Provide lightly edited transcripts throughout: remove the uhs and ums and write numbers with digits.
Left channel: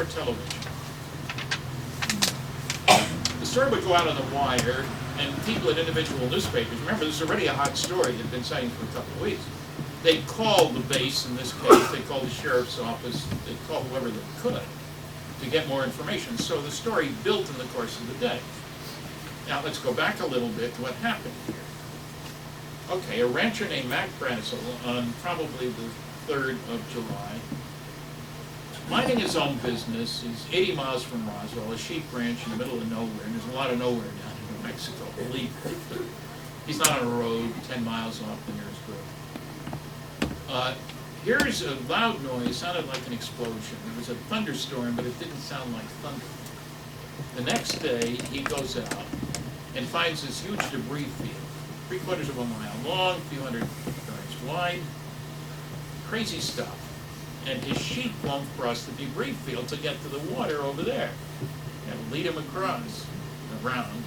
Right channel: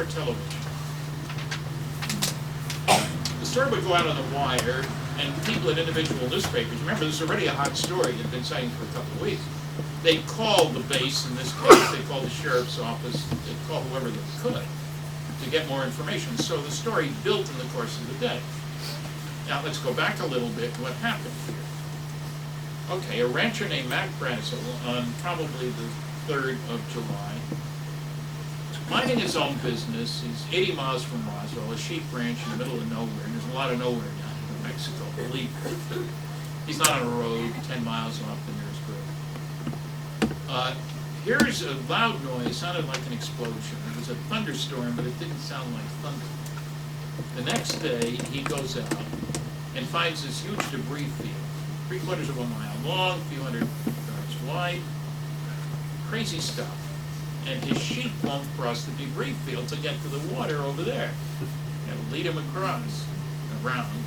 before television. The story would go out on the wire, and people at individual newspapers, remember this is already a hot story, it had been citing for a couple of weeks, they'd call the base in this case, they'd call the sheriff's office, they'd call whoever they could to get more information. So the story built in the course of the day. Now let's go back a little bit to what happened here. Okay, a rancher named Mack on probably the 3rd of July, minding his own business. He's 80 miles from Roswell, a sheep ranch in the middle of nowhere, and there's a lot of nowhere down in New Mexico, believe me. He's not on a road 10 miles off the nearest road. Here's a loud noise, sounded like an explosion. It was a thunderstorm, but it didn't sound like thunder. The next day, he goes out and finds this huge debris field, 3/4 of a mile long, a few hundred yards wide. Crazy stuff. And his sheep won't cross the debris field to get to the water over there. And lead him across, around.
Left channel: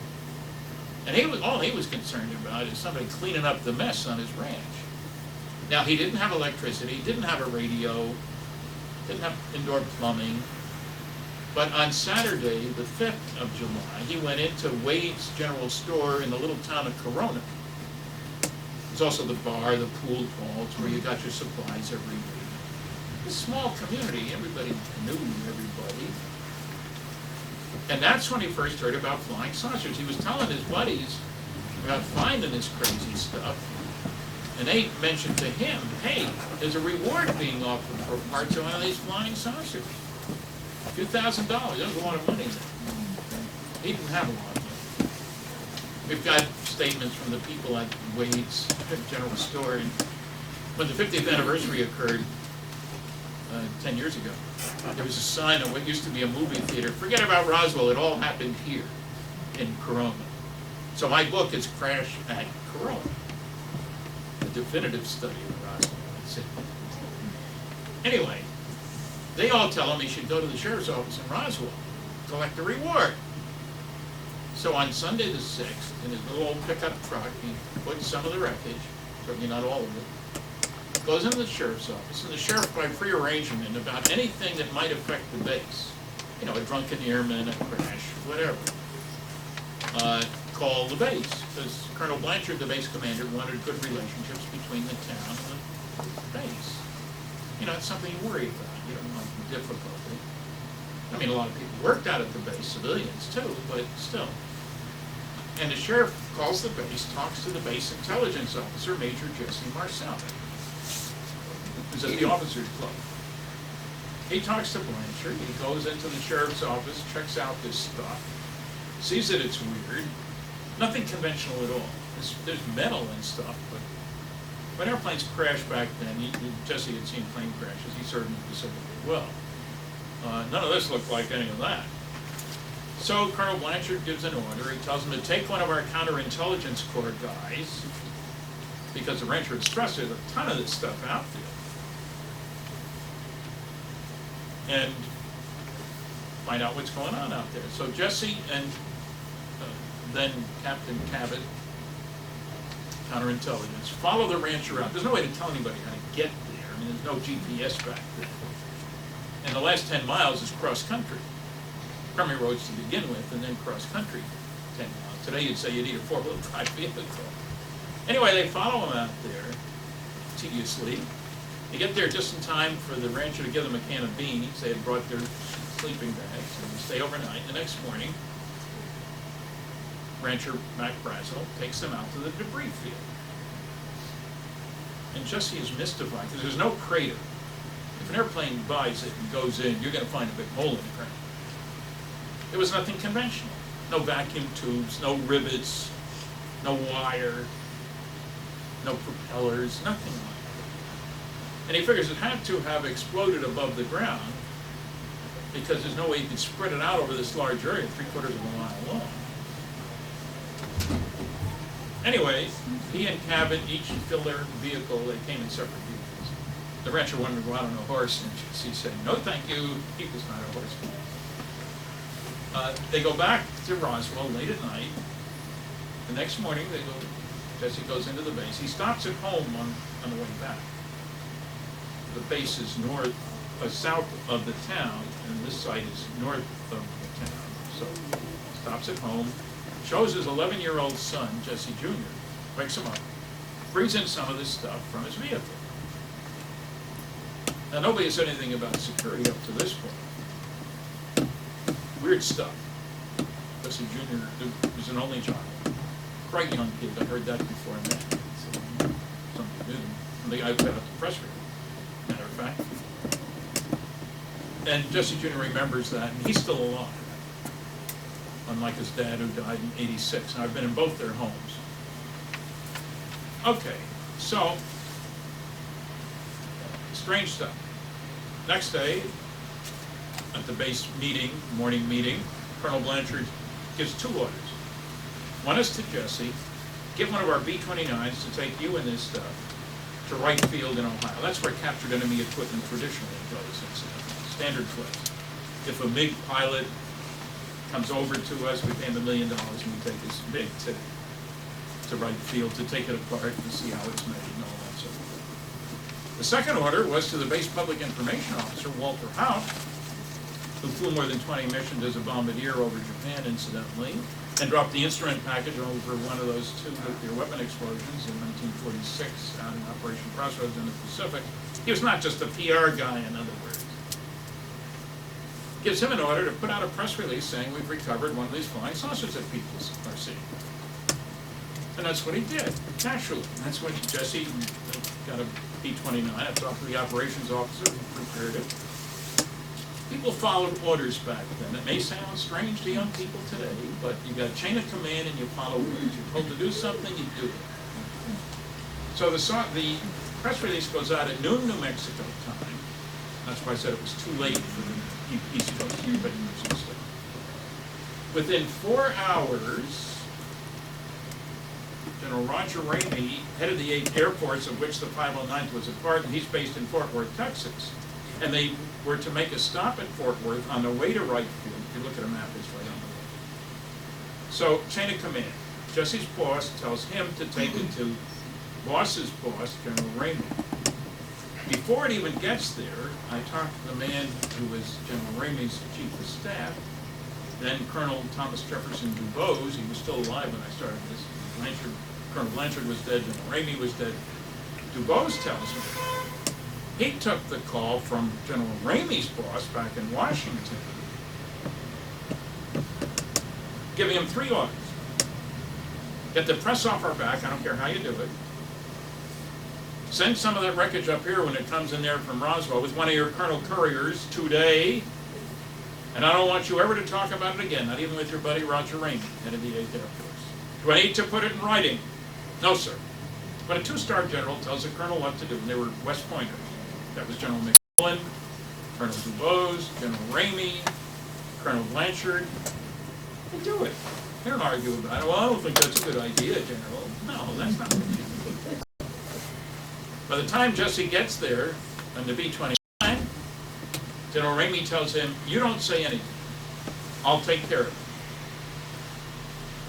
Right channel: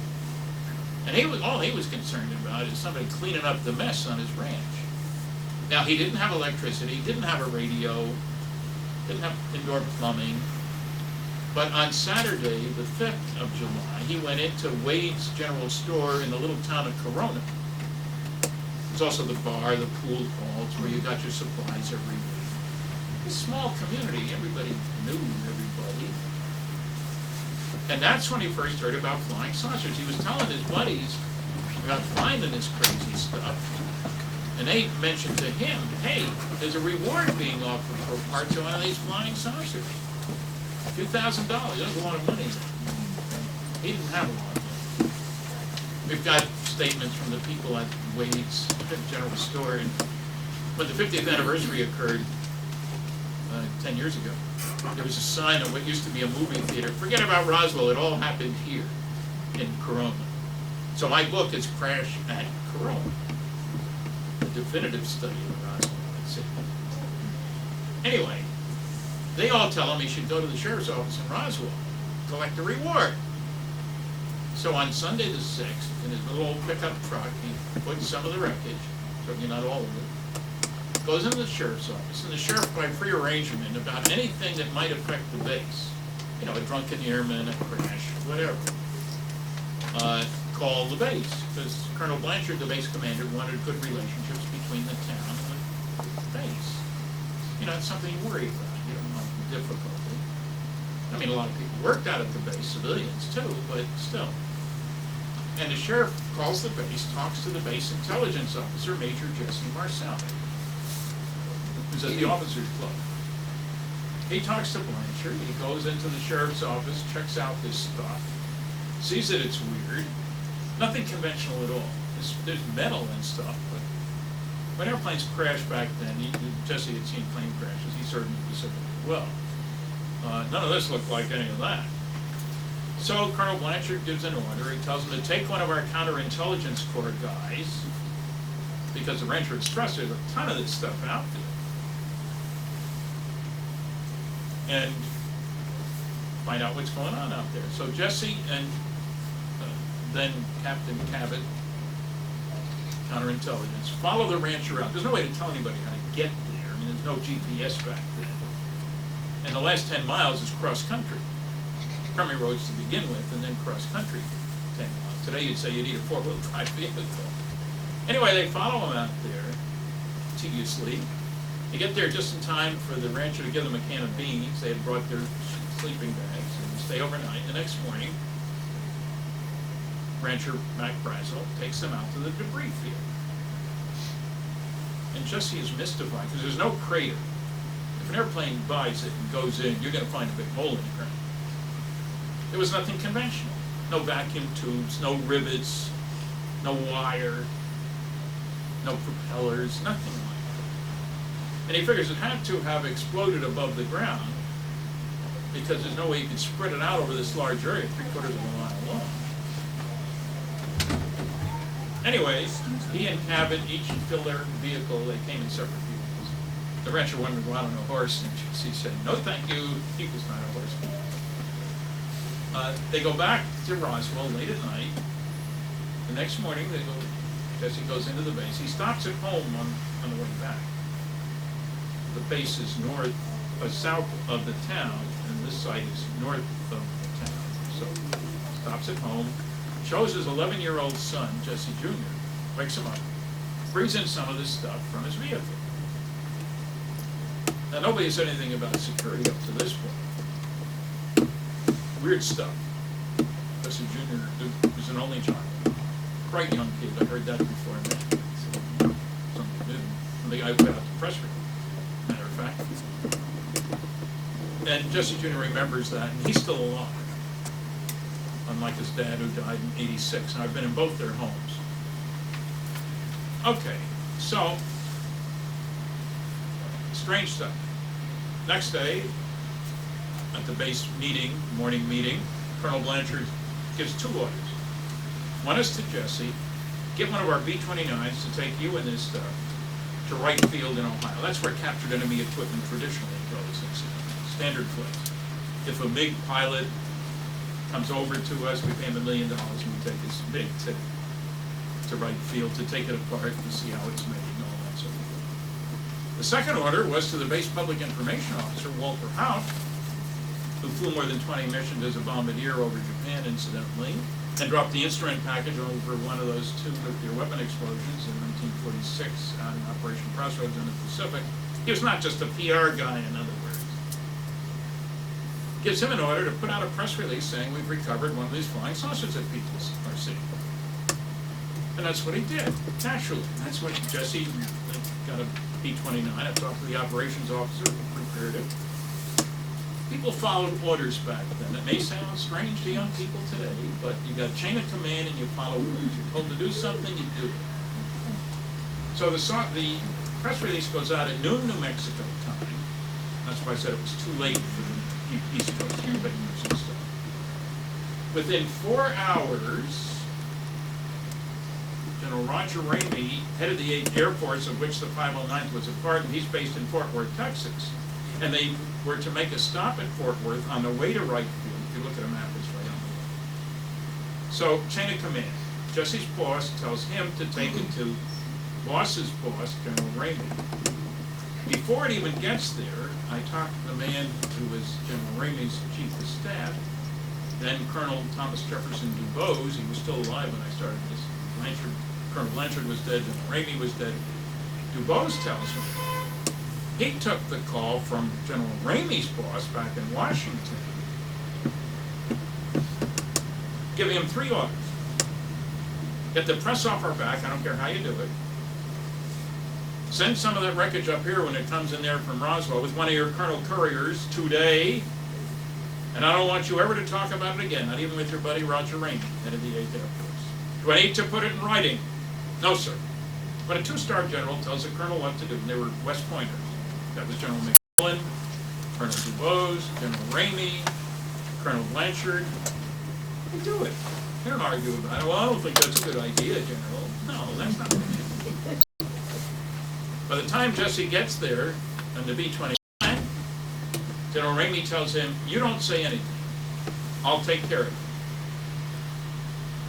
And all he was concerned about is somebody cleaning up the mess on his ranch. Now, he didn't have electricity, didn't have a radio, didn't have indoor plumbing. But on Saturday, the 5th of July, he went into Wade's General Store in the little town of Corona. There's also the bar, the pool halls, where you got your supplies every week. A small community, everybody knew everybody. And that's when he first heard about flying saucers. He was telling his buddies about finding this crazy stuff. And they mentioned to him, hey, there's a reward being offered for parts of one of these flying saucers. A few $1,000, that's a lot of money. He didn't have a lot of money. We've got statements from the people at Wade's General Store. And when the 50th anniversary occurred 10 years ago, there was a sign of what used to be a movie theater. Forget about Roswell, it all happened here in Corona. So my book is Crash at Corona, a definitive study of Roswell. That's it. Anyway, they all tell him he should go to the sheriff's office in Roswell, collect a reward. So on Sunday the 6th, in his little old pickup truck, he puts some of the wreckage, certainly not all of it, goes into the sheriff's office, and the sheriff, by prearrangement about anything that might affect the base, you know, a drunken airman, a crash, whatever, call the base, because Colonel Blanchard, the base commander, wanted good relationships between the town and the base. You know, it's something you worry about. You don't want difficulty. I mean, a lot of people worked out at the base, civilians too, but still. And the sheriff calls the base, talks to the base intelligence officer, Major Jesse Marcel, who's at the officers' club. He talks to Blanchard, he goes into the sheriff's office, checks out this stuff, sees that it's weird, nothing conventional at all. There's metal and stuff, but when airplanes crashed back then, Jesse had seen plane crashes, he served in the Pacific as well. None of this looked like any of that. So Colonel Blanchard gives an order. He tells them to take one of our counterintelligence corps guys, because the rancher had stressed there's a ton of this stuff out there, and find out what's going on out there. So Jesse and then Captain Cabot, counterintelligence, follow the rancher out. There's no way to tell anybody how to get there. I mean, there's no GPS back then. And the last 10 miles is cross-country. Primary roads to begin with, and then cross-country 10 miles. Today you'd say you need a 4-wheel drive vehicle. Anyway, they follow him out there, tediously. They get there just in time for the rancher to give them a can of beans. They had brought their sleeping bags, and they stay overnight. The next morning, rancher Mack takes them out to the debris field. And Jesse is mystified, because there's no crater. If an airplane buys it and goes in, you're going to find a big hole in the ground. There was nothing conventional. No vacuum tubes, no rivets, no wire, no propellers, nothing like that. And he figures it had to have exploded above the ground, because there's no way you could spread it out over this large area, 3/4 of a mile long. Anyway, he and Cabot each fill their vehicle. They came in separate vehicles. The rancher wanted to go out on a horse, and he said, no thank you, he was not a horseman. They go back to Roswell late at night. The next morning, Jesse goes into the base. He stops at home on the way back. The base is south of the town, and this site is north of the town. So stops at home, shows his 11-year-old son, Jesse Jr., wakes him up, brings in some of this stuff from his vehicle. Now, nobody has said anything about security up to this point. Weird stuff. Jesse Jr. was an only child. Quite young kid. I heard that before I mentioned it. So, something new. And the guy put out the press release, matter of fact. And Jesse Jr. remembers that, and he's still alive. Unlike his dad, who died in '86. And I've been in both their homes. Okay, so, strange stuff. Next day, at the base meeting, morning meeting, Colonel Blanchard gives 2 orders. One is to Jesse, get one of our B-29s to take you and this stuff to Wright Field in Ohio. That's where captured enemy equipment traditionally goes, incidentally. Standard place. If a MiG pilot comes over to us, we pay him $1 million and we take his MiG to Wright Field to take it apart and see how it's made and all that sort of thing. The second order was to the base public information officer, Walter Howe, who flew more than 20 missions as a bombardier over Japan, incidentally, and dropped the instrument package over one of those 2 nuclear weapon explosions in 1946 out in Operation Crossroads in the Pacific. He was not just a PR guy, in other words. Gives him an order to put out a press release saying we've recovered one of these flying saucers that people are seeing. And that's what he did, naturally. That's what Jesse got a B-29. I talked to the operations officer who prepared it. People followed orders back then. It may sound strange to young people today, but you got chain of command and you follow orders. You're told to do something, you do it. So the press release goes out at noon New Mexico time. That's why I said it was too late for the East Coast papers and stuff. Within 4 hours, General Roger Ramey headed the 8 airports, of which the 509th was a part, and he's based in Fort Worth, Texas. And they were to make a stop at Fort Worth on the way to Wright Field. If you look at a map, it's right on the way. So, chain of command. Jesse's boss tells him to take it to boss's boss, General Ramey. Before it even gets there, I talked to the man who was General Ramey's chief of staff, then Colonel Thomas Jefferson Dubose. He was still alive when I started this. Colonel Blanchard was dead, General Ramey was dead. Dubose tells me he took the call from General Ramey's boss back in Washington, giving him 3 orders. Get the press off our back, I don't care how you do it. Send some of that wreckage up here when it comes in there from Roswell with one of your Colonel Couriers today. And I don't want you ever to talk about it again, not even with your buddy Roger Ramey, head of the 8th Air Force. Do I need to put it in writing? No, sir. But a 2-star general tells a colonel what to do, and they were West Pointers. That was General McMillan, Colonel Dubose, General Ramey, Colonel Blanchard. They do it. They don't argue about it. Well, I don't think that's a good idea, General. No, that's not what you do. By the time Jesse gets there, on the B-29, General Ramey tells him, you don't say anything. I'll take care of it.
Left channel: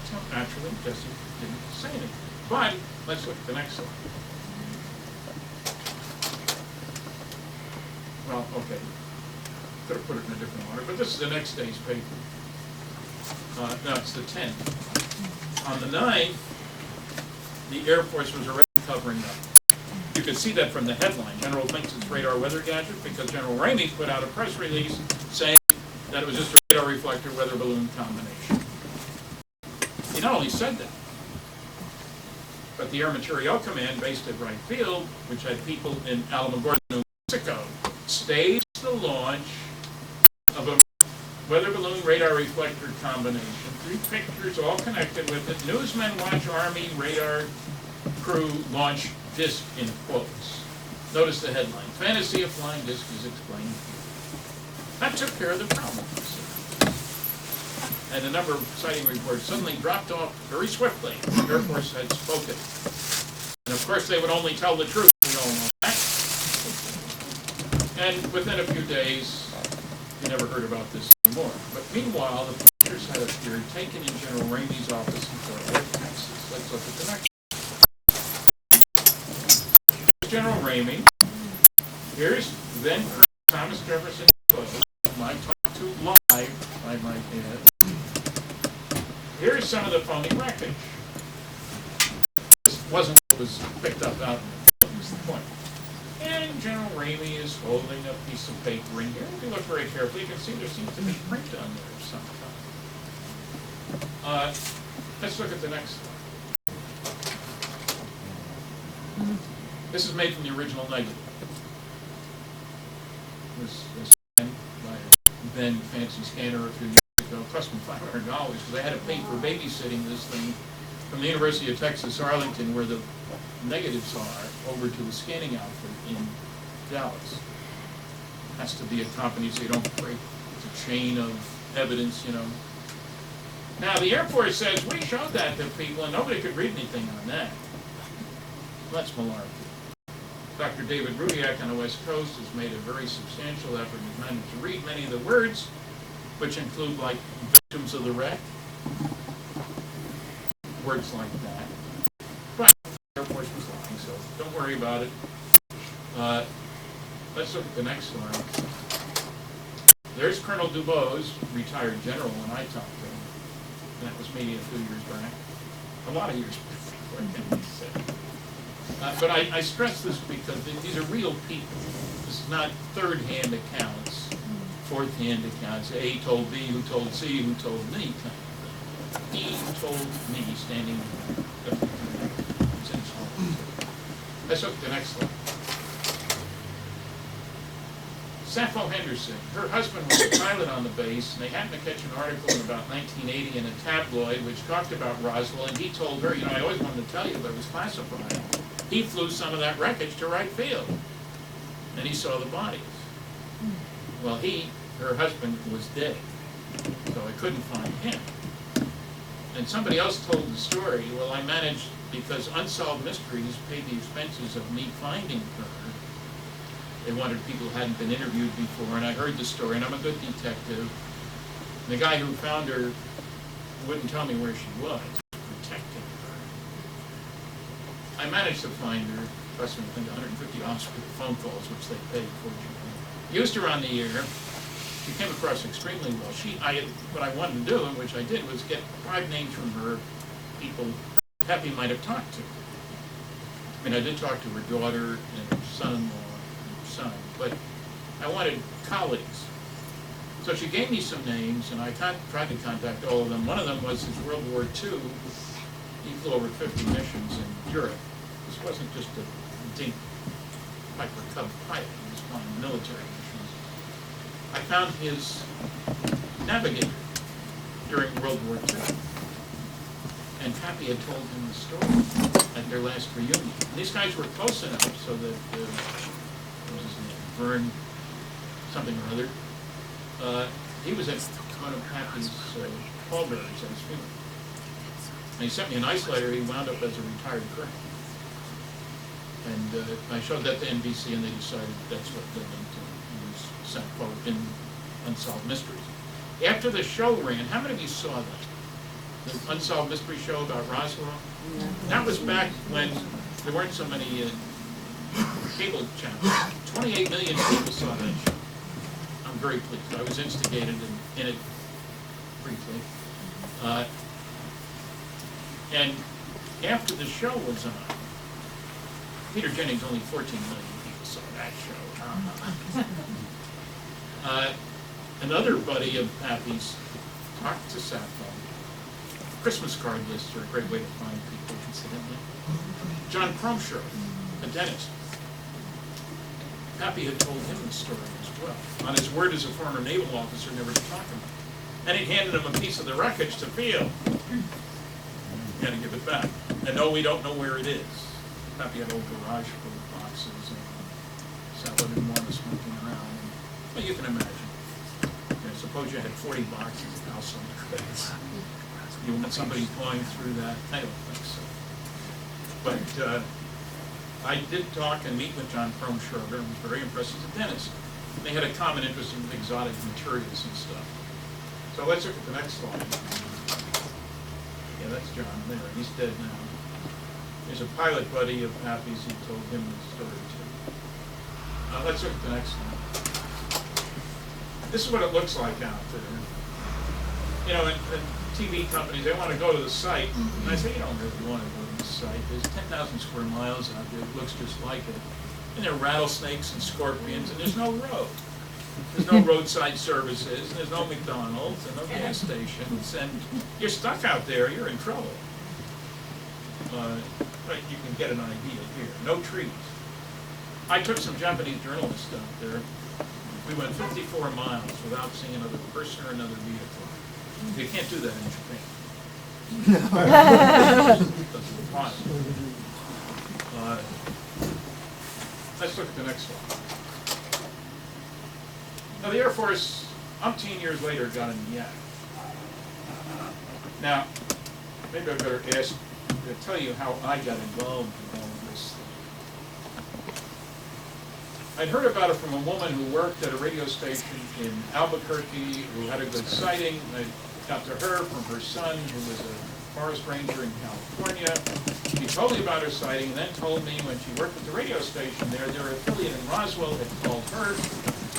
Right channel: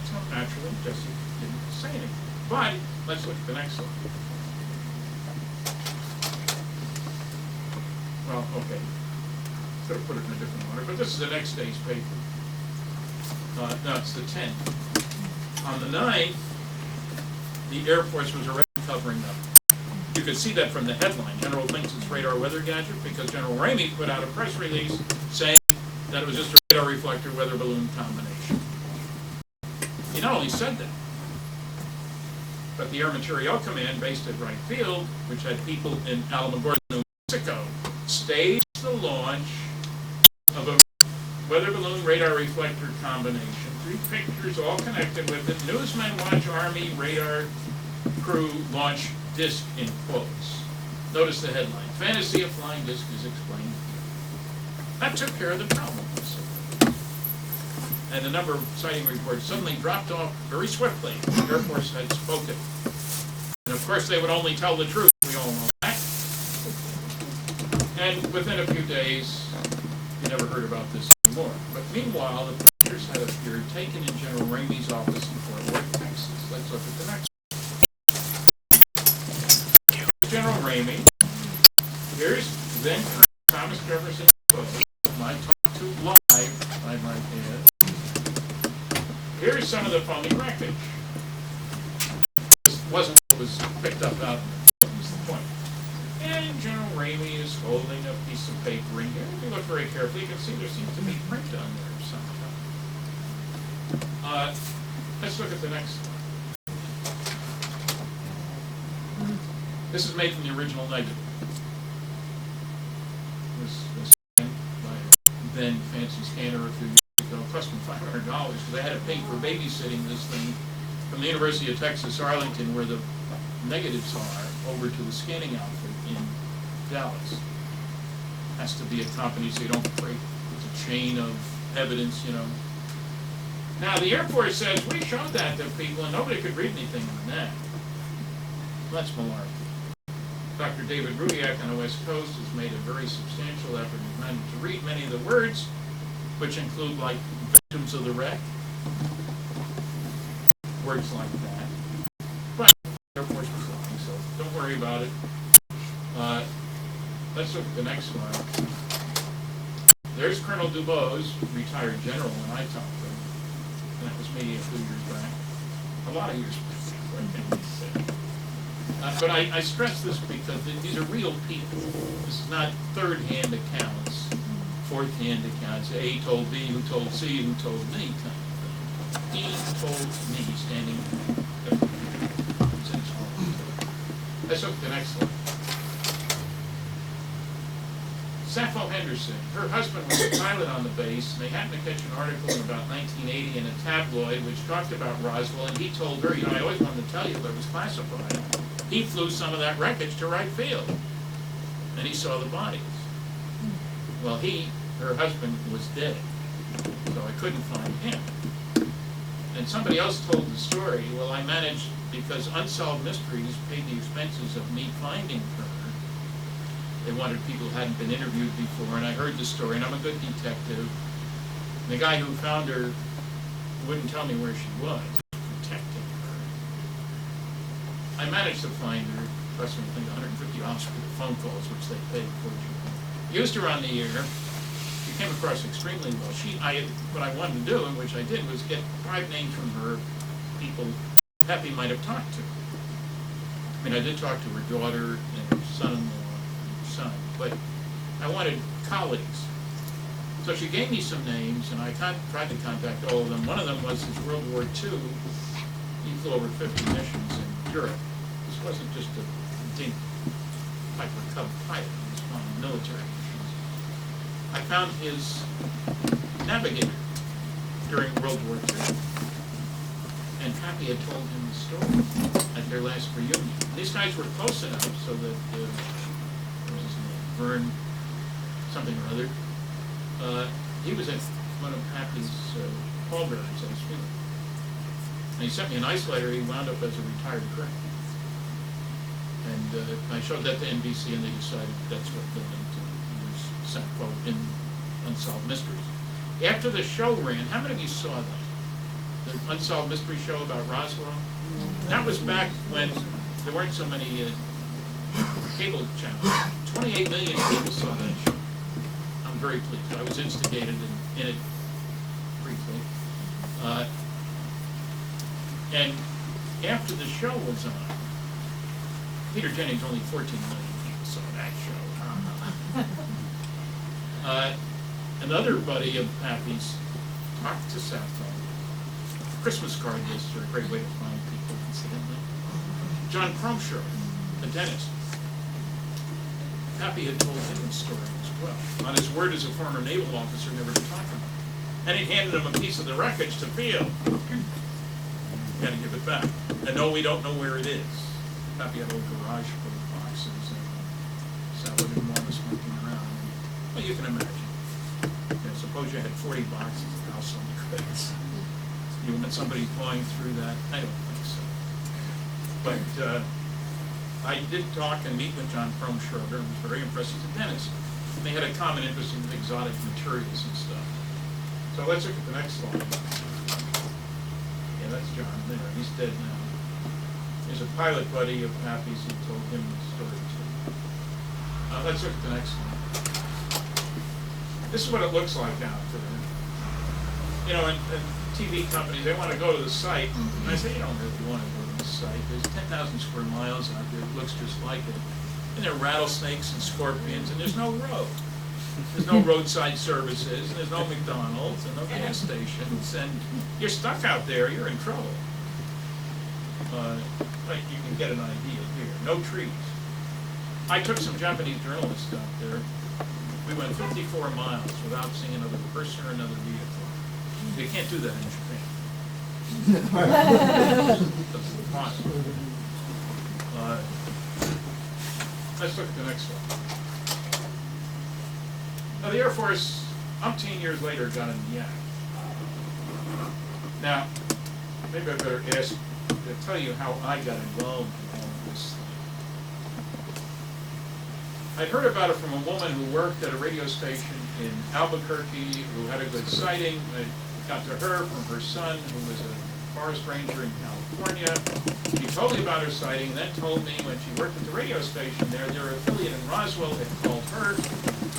So naturally, Jesse didn't say anything. But let's look at the next slide. Well, okay. Could have put it in a different order, but this is the next day's paper. No, it's the 10th. On the 9th, the Air Force was already covering up. You could see that from the headline. General thinks it's radar weather gadget because General Ramey put out a press release saying that it was just a radar reflector weather balloon combination. He not only said that, but the Air Materiel Command based at Wright Field, which had people in Alamogordo, New Mexico, staged the launch of a weather balloon radar reflector combination. 3 pictures all connected with it. Newsmen watch Army radar crew launch disc in quotes. Notice the headline. Fantasy of flying disc is explained here. That took care of the problem. And the number of sighting reports suddenly dropped off very swiftly. The Air Force had spoken. And of course they would only tell the truth. We all know that. And within a few days, you never heard about this anymore. But meanwhile, the pictures had appeared taken in General Ramey's office in Fort Worth, Texas. Let's look at the next one. General Ramey. Here's then Colonel Thomas Jefferson quote, whom I talked to live, I might add. Here's some of the phony wreckage. This wasn't what was picked up out of it, was the point. And General Ramey is holding a piece of paper in here. If you look very carefully, you can see there seems to be print on there of some kind. Let's look at the next slide. This is made from the original negative. This scanned by a then fancy scanner a few years ago. It cost me $500 because I had to pay for babysitting this thing from the University of Texas, Arlington, where the negatives are, over to the scanning outfit in Dallas. Has to be accompanied so you don't break the chain of evidence, you know. Now, the Air Force says, we showed that to people and nobody could read anything on that. That's malarkey. Dr. David Rudiak on the West Coast has made a very substantial effort and managed to read many of the words, which include, like, victims of the wreck, words like that. But the Air Force was lying, so don't worry about it. Let's look at the next one. There's Colonel Dubose, retired general, when I talked to him. And that was maybe a few years back. A lot of years back, I can say. But I stress this because these are real people. This is not third-hand accounts, fourth-hand accounts. A told B, who told C, who told me, kind of thing. He told me, standing at the computer. Let's look at the next slide. Sappho Henderson, her husband was a pilot on the base, and they happened to catch an article in about 1980 in a tabloid which talked about Roswell, and he told her, you know, I always wanted to tell you, but it was classified. He flew some of that wreckage to Wright Field, and he saw the bodies. Well, her husband was dead, so I couldn't find him. And somebody else told the story. Well, I managed, because Unsolved Mysteries paid the expenses of me finding her. They wanted people who hadn't been interviewed before, and I heard the story, and I'm a good detective. And the guy who found her wouldn't tell me where she was, protecting her. I managed to find her, cost me, I think, $150 for the phone calls, which they paid, fortunately. Used her on the air. She came across extremely well. What I wanted to do, and which I did, was get 5 names from her, people Peppy might have talked to. I mean, I did talk to her daughter and her son-in-law, son, but I wanted colleagues. So she gave me some names, and I tried to contact all of them. One of them was his World War II. He flew over 50 missions in Europe. This wasn't just a dink Piper Cub pilot. He was flying military missions. I found his navigator during World War II. And Pappy had told him the story at their last reunion. And these guys were close enough so that what was his name? Vern, something or other. He was at one of Pappy's pallbearers at his funeral. And he sent me a nice letter. He wound up as a retired colonel. And I showed that to NBC, and they decided that's what they meant to use Sappho in Unsolved Mysteries. After the show ran, how many of you saw that? The Unsolved Mystery show about Roswell? That was back when there weren't so many cable channels. 28 million people saw that show. I'm very pleased. I was instigated in it briefly. And after the show was on, Peter Jennings, only 14 million people saw that show. Another buddy of Pappy's talked to Sappho. Christmas card lists are a great way to find people, incidentally. John Cromshaw, a dentist. Pappy had told him the story as well, on his word as a former naval officer never to talk about it. And he handed him a piece of the wreckage to feel. You gotta give it back. And no, we don't know where it is. Pappy had an old garage full of boxes, and Sappho didn't want us monkeying around. Well, you can imagine. Suppose you had 40 boxes of household goods. You want somebody going through that? I don't think so. But I did talk and meet with John Cromshaw, and was very impressed. He's a dentist. And they had a common interest in exotic materials and stuff. So let's look at the next slide. Yeah, that's John there. He's dead now. There's a pilot buddy of Pappy's who told him the story too. Let's look at the next one. This is what it looks like out there. You know, and TV companies, they want to go to the site, and I say, you don't really want to go to the site. There's 10,000 square miles out there. It looks just like it. And there are rattlesnakes and scorpions, and there's no road. There's no roadside services, and there's no McDonald's, and no gas stations, and you're stuck out there, you're in trouble. But you can get an idea here. No trees. I took some Japanese journalists out there. We went 54 miles without seeing another person or another vehicle. You can't do that in Japan. Doesn't apply. Let's look at the next one. Now the Air Force, umpteen years later, got in the act. Now, maybe I better tell you how I got involved in all of this thing. I'd heard about it from a woman who worked at a radio station in Albuquerque who had a good sighting. I got to her from her son, who was a forest ranger in California. She told me about her sighting, and then told me when she worked at the radio station there, their affiliate in Roswell had called her,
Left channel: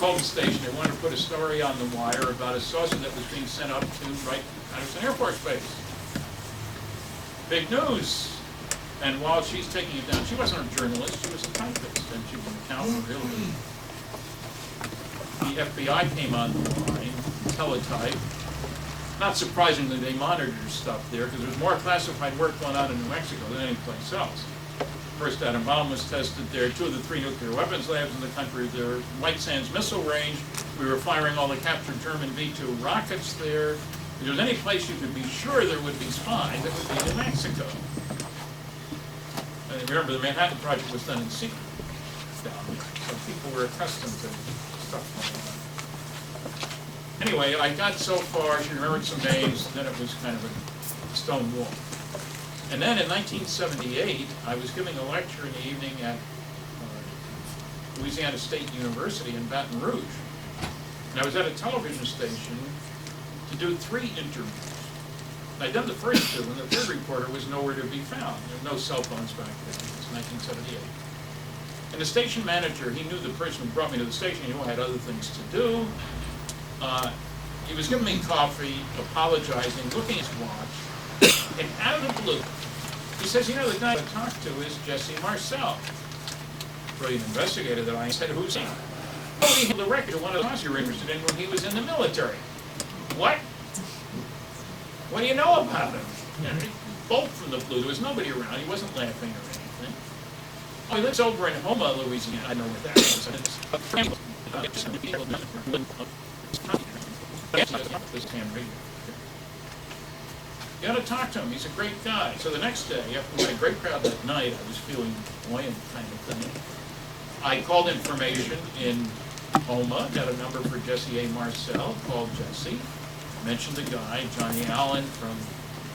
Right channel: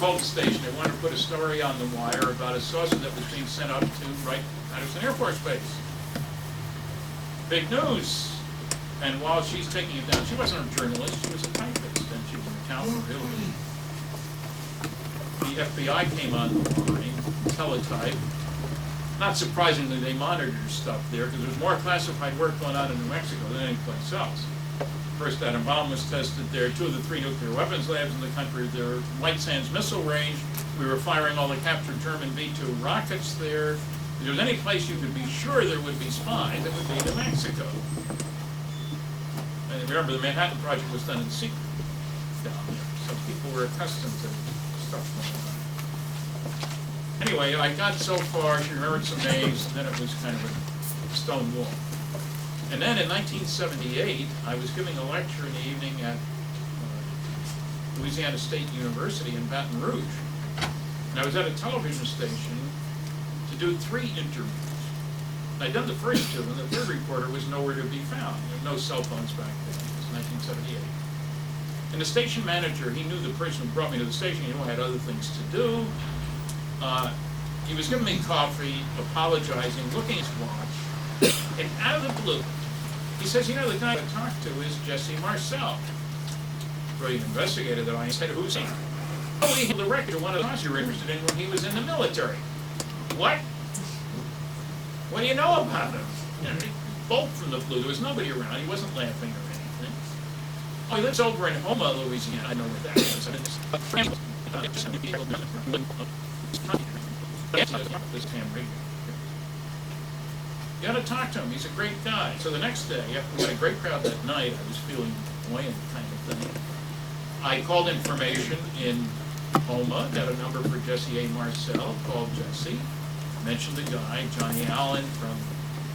called the station. They wanted to put a story on the wire about a saucer that was being sent up to Wright Patterson Air Force Base. Big news. And while she's taking it down, she wasn't a journalist, she was a typist, and she was an accountant, really. The FBI came on the line, teletype. Not surprisingly, they monitored stuff there because there's more classified work going on in New Mexico than any place else. First atom bomb was tested there, 2 of the 3 nuclear weapons labs in the country there, White Sands Missile Range. We were firing all the captured German V-2 rockets there. If there was any place you could be sure there would be spies, it would be New Mexico. And remember, the Manhattan Project was done in secret down there, so people were accustomed to stuff going on. Anyway, I got so far, she remembered some names, and then it was kind of a stone wall. And then in 1978, I was giving a lecture in the evening at Louisiana State University in Baton Rouge. And I was at a television station to do 3 interviews. I'd done the first 2, and the third reporter was nowhere to be found. There were no cell phones back then. It was 1978. And the station manager, he knew the person who brought me to the station. He knew I had other things to do. He was giving me coffee, apologizing, looking at his watch, and out of the blue, he says, you know, the guy I talked to is Jesse Marcel, brilliant investigator that I said, who's he? Oh, he had the record of one of the guys you were interested in when he was in the military. What? What do you know about him? You know, bolt from the blue. There was nobody around. He wasn't laughing or anything. Oh, he lives over in Houma, Louisiana. I know where that is. You ought to talk to him. He's a great guy. So the next day, after we had a great crowd that night, I was feeling buoyant kind of thing. I called information in Houma, got a number for Jesse A. Marcel, called Jesse. Mentioned the guy, Johnny Allen from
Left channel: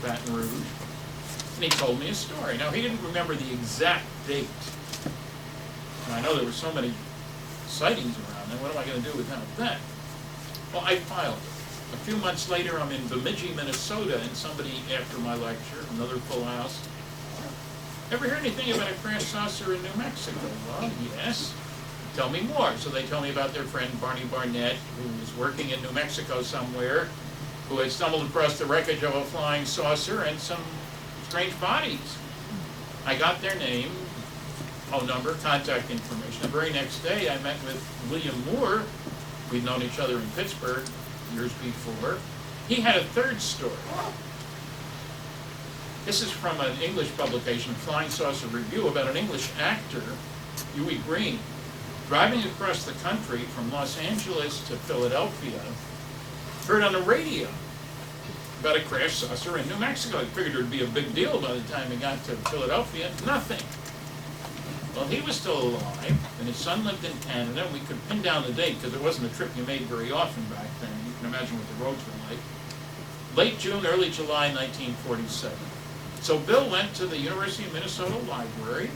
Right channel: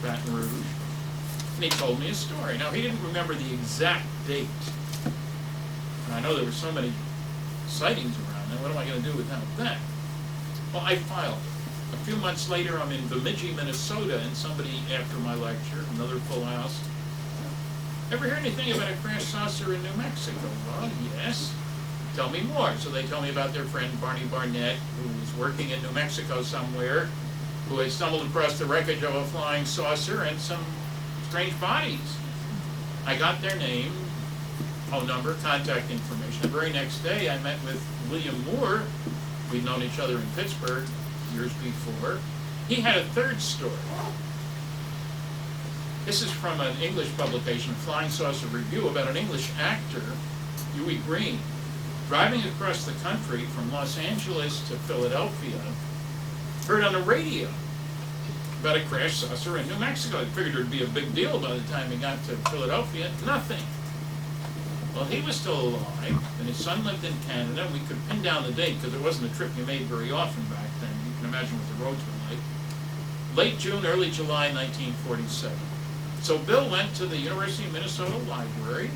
Baton Rouge, and he told me a story. Now, he didn't remember the exact date. And I know there were so many sightings around there. What am I going to do without that? Well, I filed it. A few months later, I'm in Bemidji, Minnesota, and somebody, after my lecture, another full house, ever hear anything about a crash saucer in New Mexico? Well, yes. Tell me more. So they tell me about their friend Barney Barnett, who was working in New Mexico somewhere, who had stumbled across the wreckage of a flying saucer and some strange bodies. I got their name, phone number, contact information. The very next day, I met with William Moore. We'd known each other in Pittsburgh years before. He had a third story. This is from an English publication, Flying Saucer Review, about an English actor, Huey Green, driving across the country from Los Angeles to Philadelphia, heard on the radio about a crash saucer in New Mexico. I figured it would be a big deal by the time he got to Philadelphia. Nothing. Well, he was still alive, and his son lived in Canada, and we could pin down the date because it wasn't a trip you made very often back then. You can imagine what the roads were like. Late June, early July 1947. So Bill went to the University of Minnesota Library,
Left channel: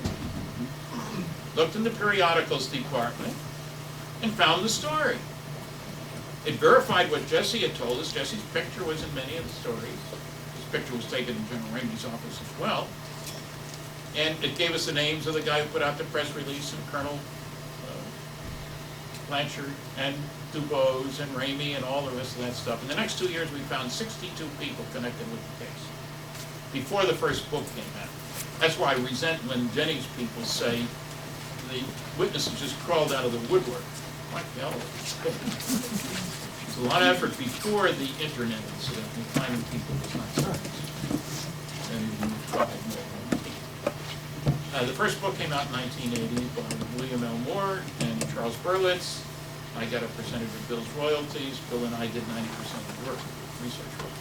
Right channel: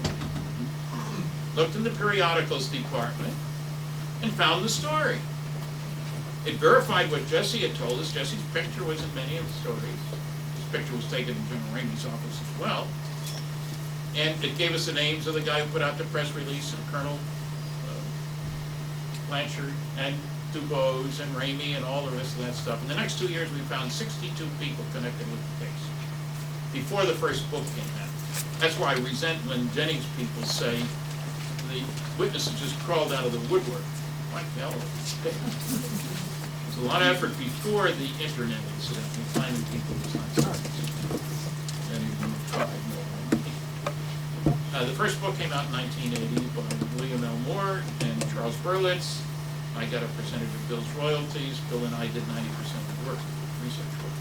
looked in the periodicals department, and found the story. It verified what Jesse had told us. Jesse's picture was in many of the stories. His picture was taken in General Ramey's office as well. And it gave us the names of the guy who put out the press release, and Colonel Blanchard, and Dubose and Ramey and all the rest of that stuff. In the next 2 years, we found 62 people connected with the case before the first book came out. That's why I resent when Jennings people say the witnesses just crawled out of the woodwork. Like hell. There's a lot of effort before the internet incident in finding people was not science. And even tried more. The first book came out in 1980 by William L. Moore and Charles Berlitz. I got a percentage of Bill's royalties. Bill and I did 90% of the work, research work.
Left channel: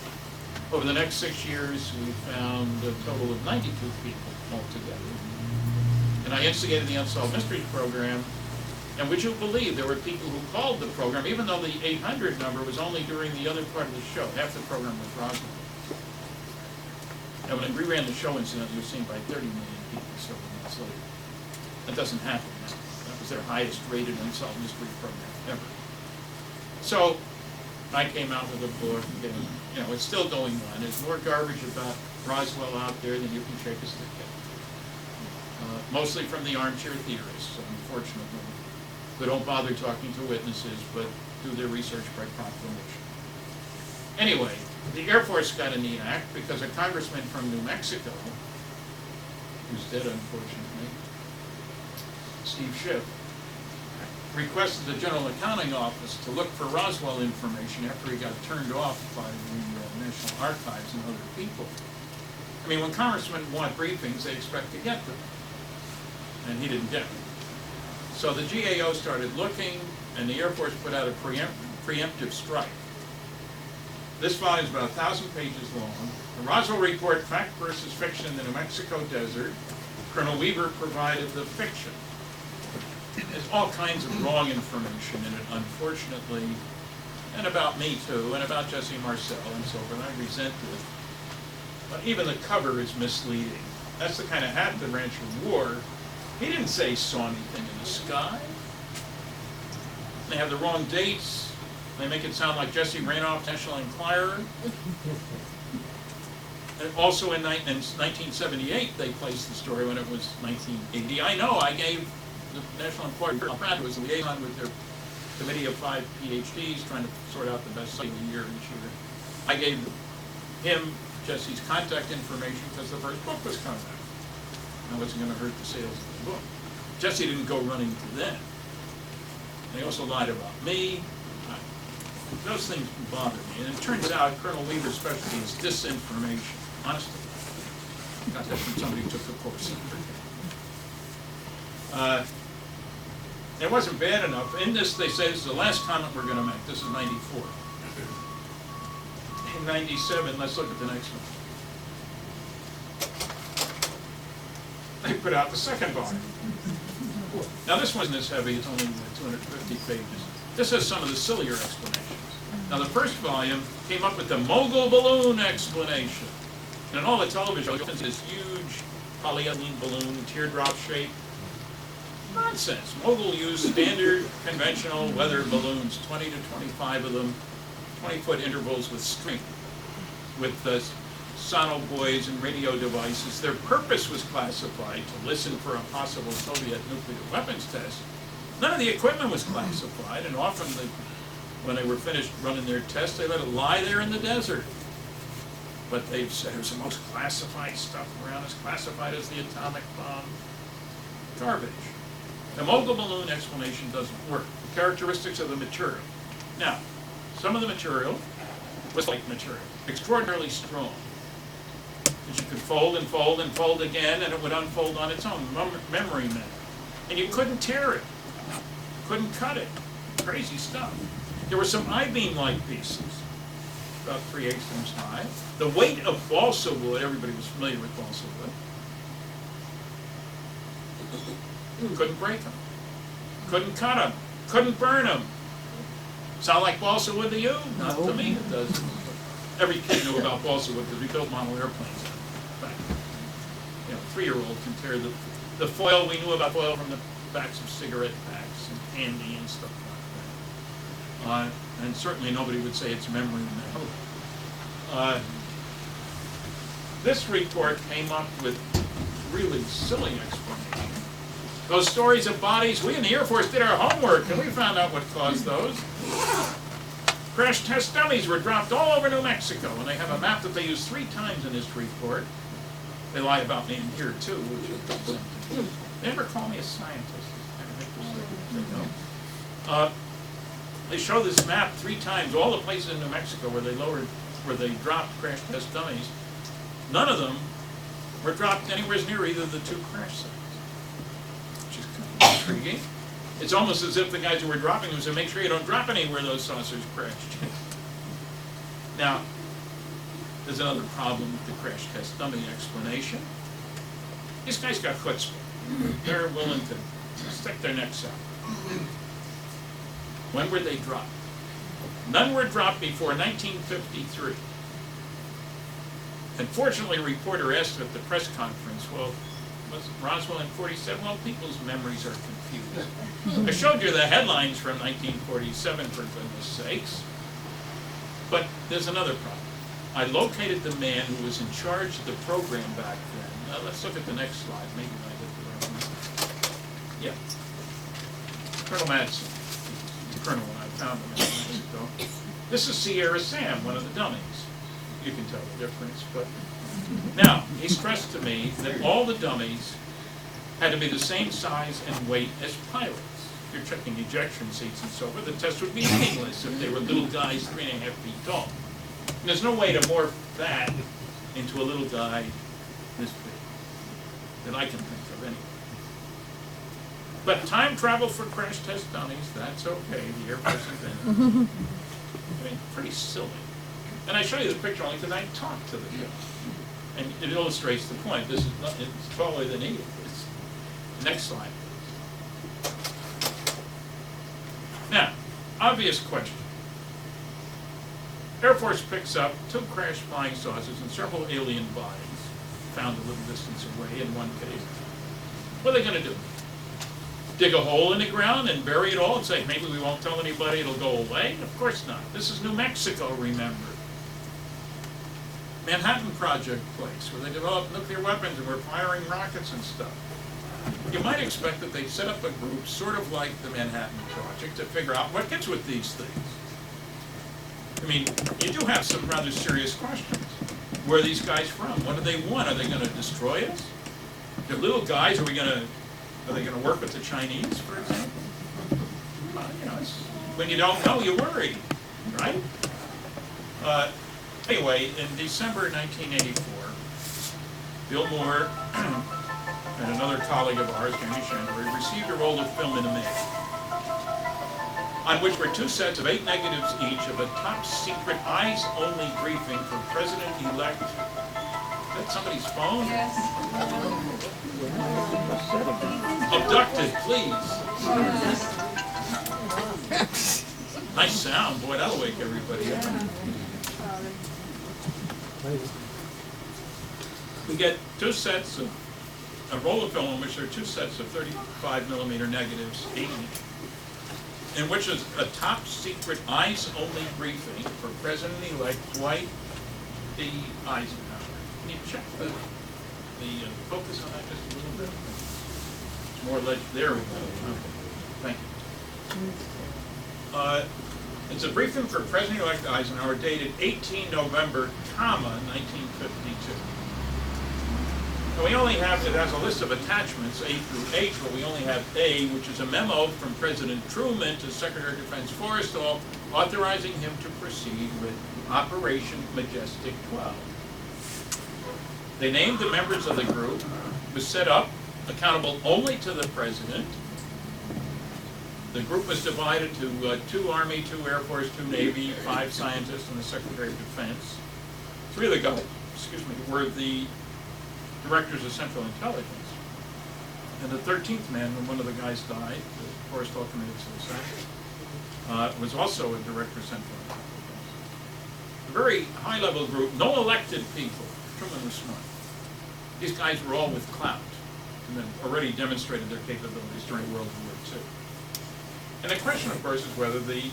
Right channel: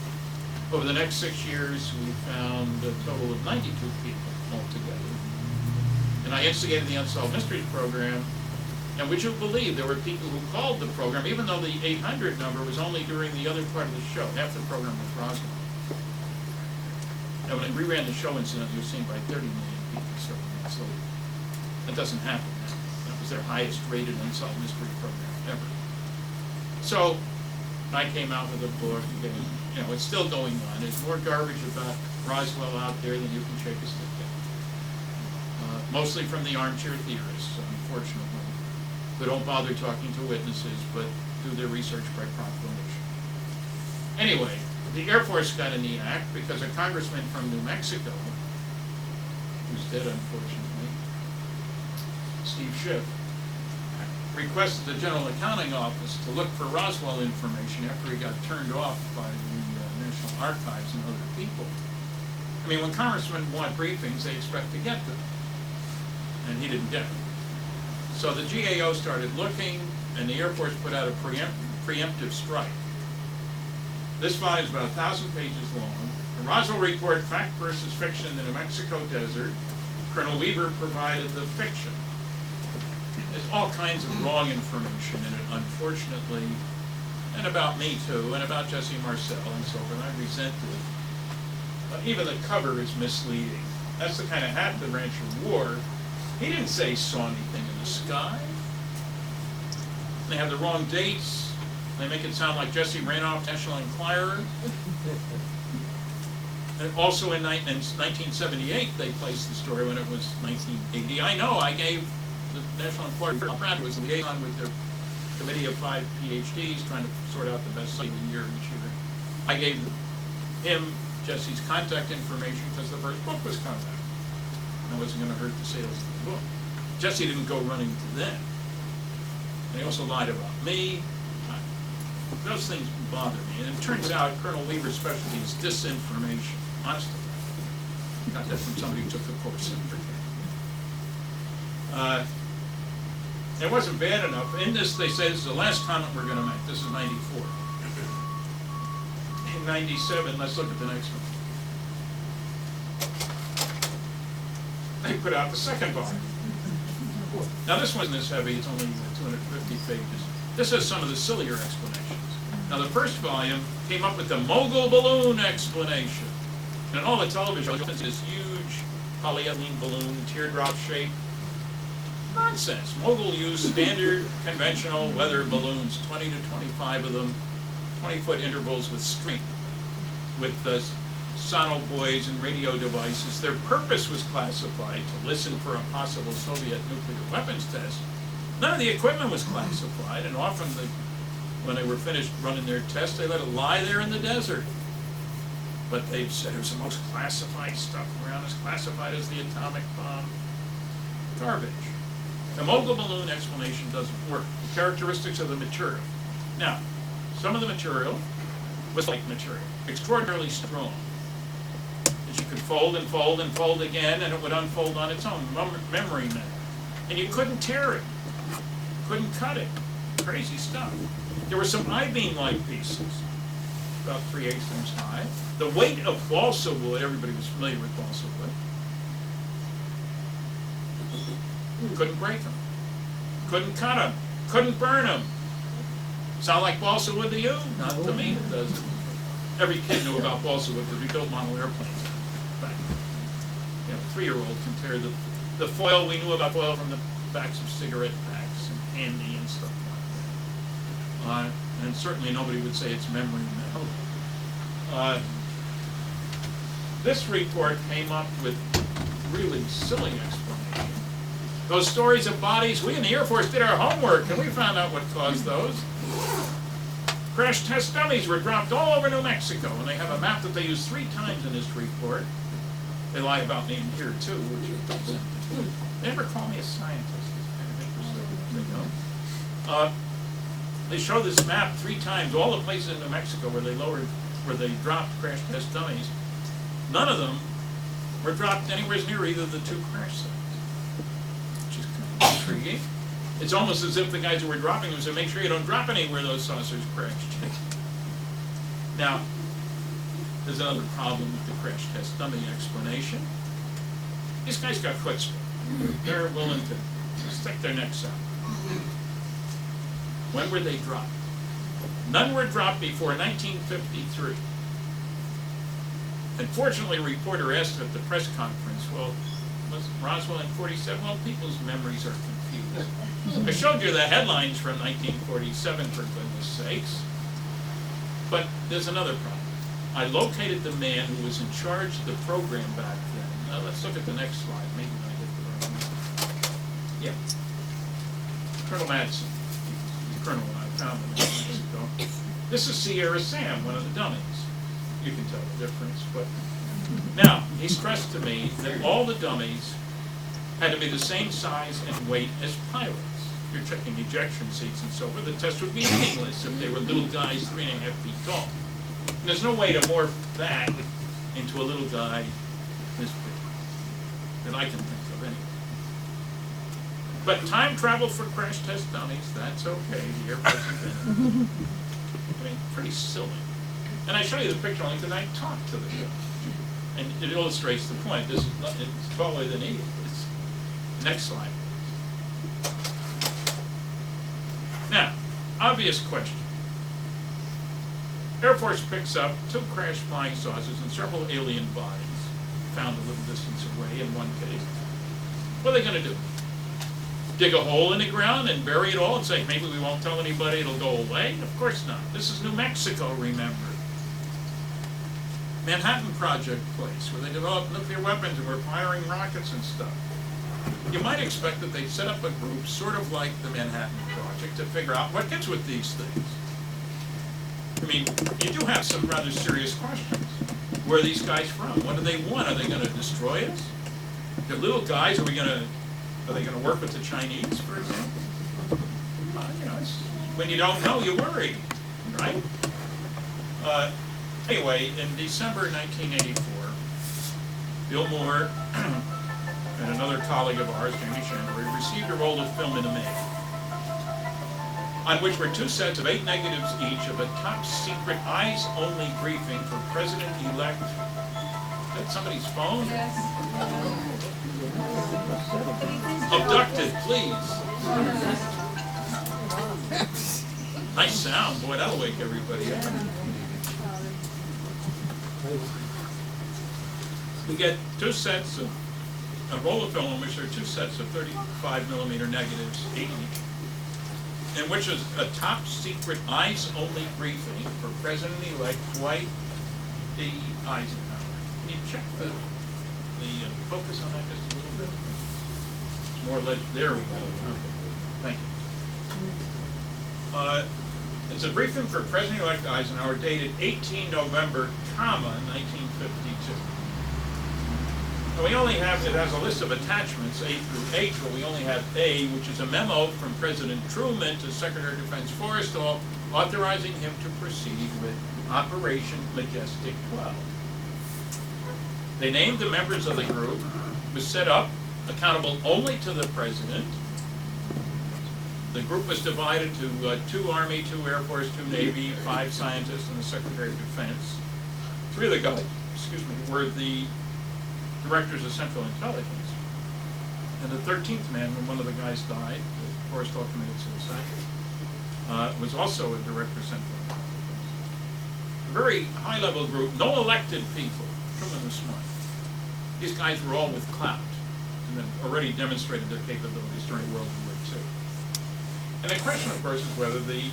Over the next 6 years, we found a total of 92 people altogether. And I instigated the Unsolved Mysteries program. And would you believe there were people who called the program, even though the 800 number was only during the other part of the show. Half the program was Roswell. And when I reran the show, incidentally, it was seen by 30 million people several months later. That doesn't happen now. That was their highest rated Unsolved Mystery program ever. So I came out with a book, and it's still going on. There's more garbage about Roswell out there than you can shake a stick at. Mostly from the armchair theorists, unfortunately, who don't bother talking to witnesses, but do their research by proclamation. Anyway, the Air Force got a neat act because a congressman from New Mexico, who's dead unfortunately, Steve Schiff, requested the General Accounting Office to look for Roswell information after he got turned off by the National Archives and other people. I mean, when congressmen want briefings, they expect to get them, and he didn't get them. So the GAO started looking, and the Air Force put out a preemptive strike. This volume is about 1,000 pages long. The Roswell Report, Fact versus Fiction in the New Mexico Desert. Colonel Weaver provided the fiction. There's all kinds of wrong information in it, unfortunately, and about me too, and about Jesse Marcel and so forth. I resent it. But even the cover is misleading. That's the kind of hat the rancher wore. He didn't say he saw anything in the sky. They have the wrong dates. They make it sound like Jesse ran off National Enquirer. And also in 1978, they placed the story when it was 1980. I know, I gave the National Enquirer, Brad was a liaison with their committee of 5 PhDs trying to sort out the best site of the year each year. I gave him Jesse's contact information because the first book was coming out. And it wasn't going to hurt the sales of the book. Jesse didn't go running to them. And he also lied about me. Those things bother me. And it turns out Colonel Weaver's specialty is disinformation. Honestly. I got that from somebody who took the course. It wasn't bad enough. In this, they say this is the last comment we're going to make. This is 94. In 97, let's look at the next one. They put out the second volume. Now this wasn't as heavy, it's only 250 pages. This has some of the sillier explanations. Now the first volume came up with the mogul balloon explanation. And in all the television, it's this huge polyethylene balloon, teardrop shape. Nonsense. Mogul used standard, conventional weather balloons, 20 to 25 of them, 20-foot intervals with string, with the sonobuoys and radio devices. Their purpose was classified to listen for a possible Soviet nuclear weapons test. None of the equipment was classified, and often when they were finished running their tests, they let it lie there in the desert. But they've said it was the most classified stuff around, as classified as the atomic bomb. Garbage. The mogul balloon explanation doesn't work. The characteristics of the material. Now, some of the material was like material, extraordinarily strong. That you could fold and fold and fold again, and it would unfold on its own, memory matter. And you couldn't tear it, couldn't cut it. Crazy stuff. There were some I-beam-like pieces, about 3/8 inches high. The weight of balsa wood, everybody was familiar with balsa wood. Couldn't break them, couldn't cut them, couldn't burn them. Sound like balsa wood to you? Not to me, it doesn't. Every kid knew about balsa wood because we built model airplanes. But, a 3-year-old can tear the foil. We knew about foil from the backs of cigarette packs and candy and stuff like that. And certainly nobody would say it's memory metal. This report came up with really silly explanation. Those stories of bodies, we in the Air Force did our homework and we found out what caused those. Crash test dummies were dropped all over New Mexico, and they have a map that they use 3 times in this report. They lie about me in here too, which is presented. They never call me a scientist. It's kind of interesting. They don't. They show this map 3 times, all the places in New Mexico where they dropped crash test dummies. None of them were dropped anywhere near either of the 2 crash sites, which is kind of intriguing. It's almost as if the guys who were dropping them said, make sure you don't drop anywhere those saucers crashed. Now, there's another problem with the crash test dummy explanation. These guys got chutzpah. They're willing to stick their necks out. When were they dropped? None were dropped before 1953. And fortunately, a reporter asked at the press conference, well, was Roswell in 47? Well, people's memories are confused. I showed you the headlines from 1947, for goodness sakes. But there's another problem. I located the man who was in charge of the program back then. Now let's look at the next slide. Maybe I get the right one. Yeah. Colonel Madsen. Colonel when I found him in Mexico. This is Sierra Sam, one of the dummies. You can tell the difference, but now he stressed to me that all the dummies had to be the same size and weight as pilots. You're checking ejection seats and so forth. The test would be meaningless if they were little guys 3.5 feet tall. And there's no way to morph that into a little guy this big that I can think of anyway. But time travel for crash test dummies, that's okay. The Air Force invented it. I mean, pretty silly. And I show you the picture only because I talked to the guy. And it illustrates the point. This is not, it's taller than he is. Next slide. Now, obvious question. Air Force picks up 2 crashed flying saucers and several alien bodies found a little distance away in one case. What are they going to do? Dig a hole in the ground and bury it all and say, maybe we won't tell anybody, it'll go away? Of course not. This is New Mexico, remember. Manhattan Project place, where they developed nuclear weapons and were firing rockets and stuff. You might expect that they'd set up a group, sort of like the Manhattan Project, to figure out what gets with these things. I mean, you do have some rather serious questions. Where are these guys from? What do they want? Are they going to destroy us? They're little guys. Are they going to work with the Chinese, for example? Well, you know, when you don't know, you worry, right? Anyway, in December 1984, Bill Moore and another colleague of ours, Jamie Chandler, received a roll of film in the mail, on which were 2 sets of 8 negatives each of a top-secret, eyes-only briefing for President-elect. Is that somebody's phone? Yes. Abducted, please. Nice sound, boy, that'll wake everybody up. We get 2 sets of a roll of film in which there are 2 sets of 35mm negatives each, in which is a top-secret, eyes-only briefing for President-elect Dwight D. Eisenhower. Can you check the focus on that just a little bit? It's more there we go. Okay, thank you. It's a briefing for President-elect Eisenhower dated 18 November, 1952. And we only have, it has a list of attachments, A through H, but we only have A, which is a memo from President Truman to Secretary of Defense Forrestal, authorizing him to proceed with Operation Majestic 12. They named the members of the group, was set up, accountable only to the President. The group was divided to 2 Army, 2 Air Force, 2 Navy, 5 scientists, and the Secretary of Defense. 3 of the guys, were the directors of Central Intelligence. And the 13th man, when one of the guys died, the Forrestal committed suicide, was also a director of Central Intelligence. A very high-level group, no elected people. Truman was smart. These guys were all with clout, and then already demonstrated their capabilities during World War II. And the question, of course, is whether the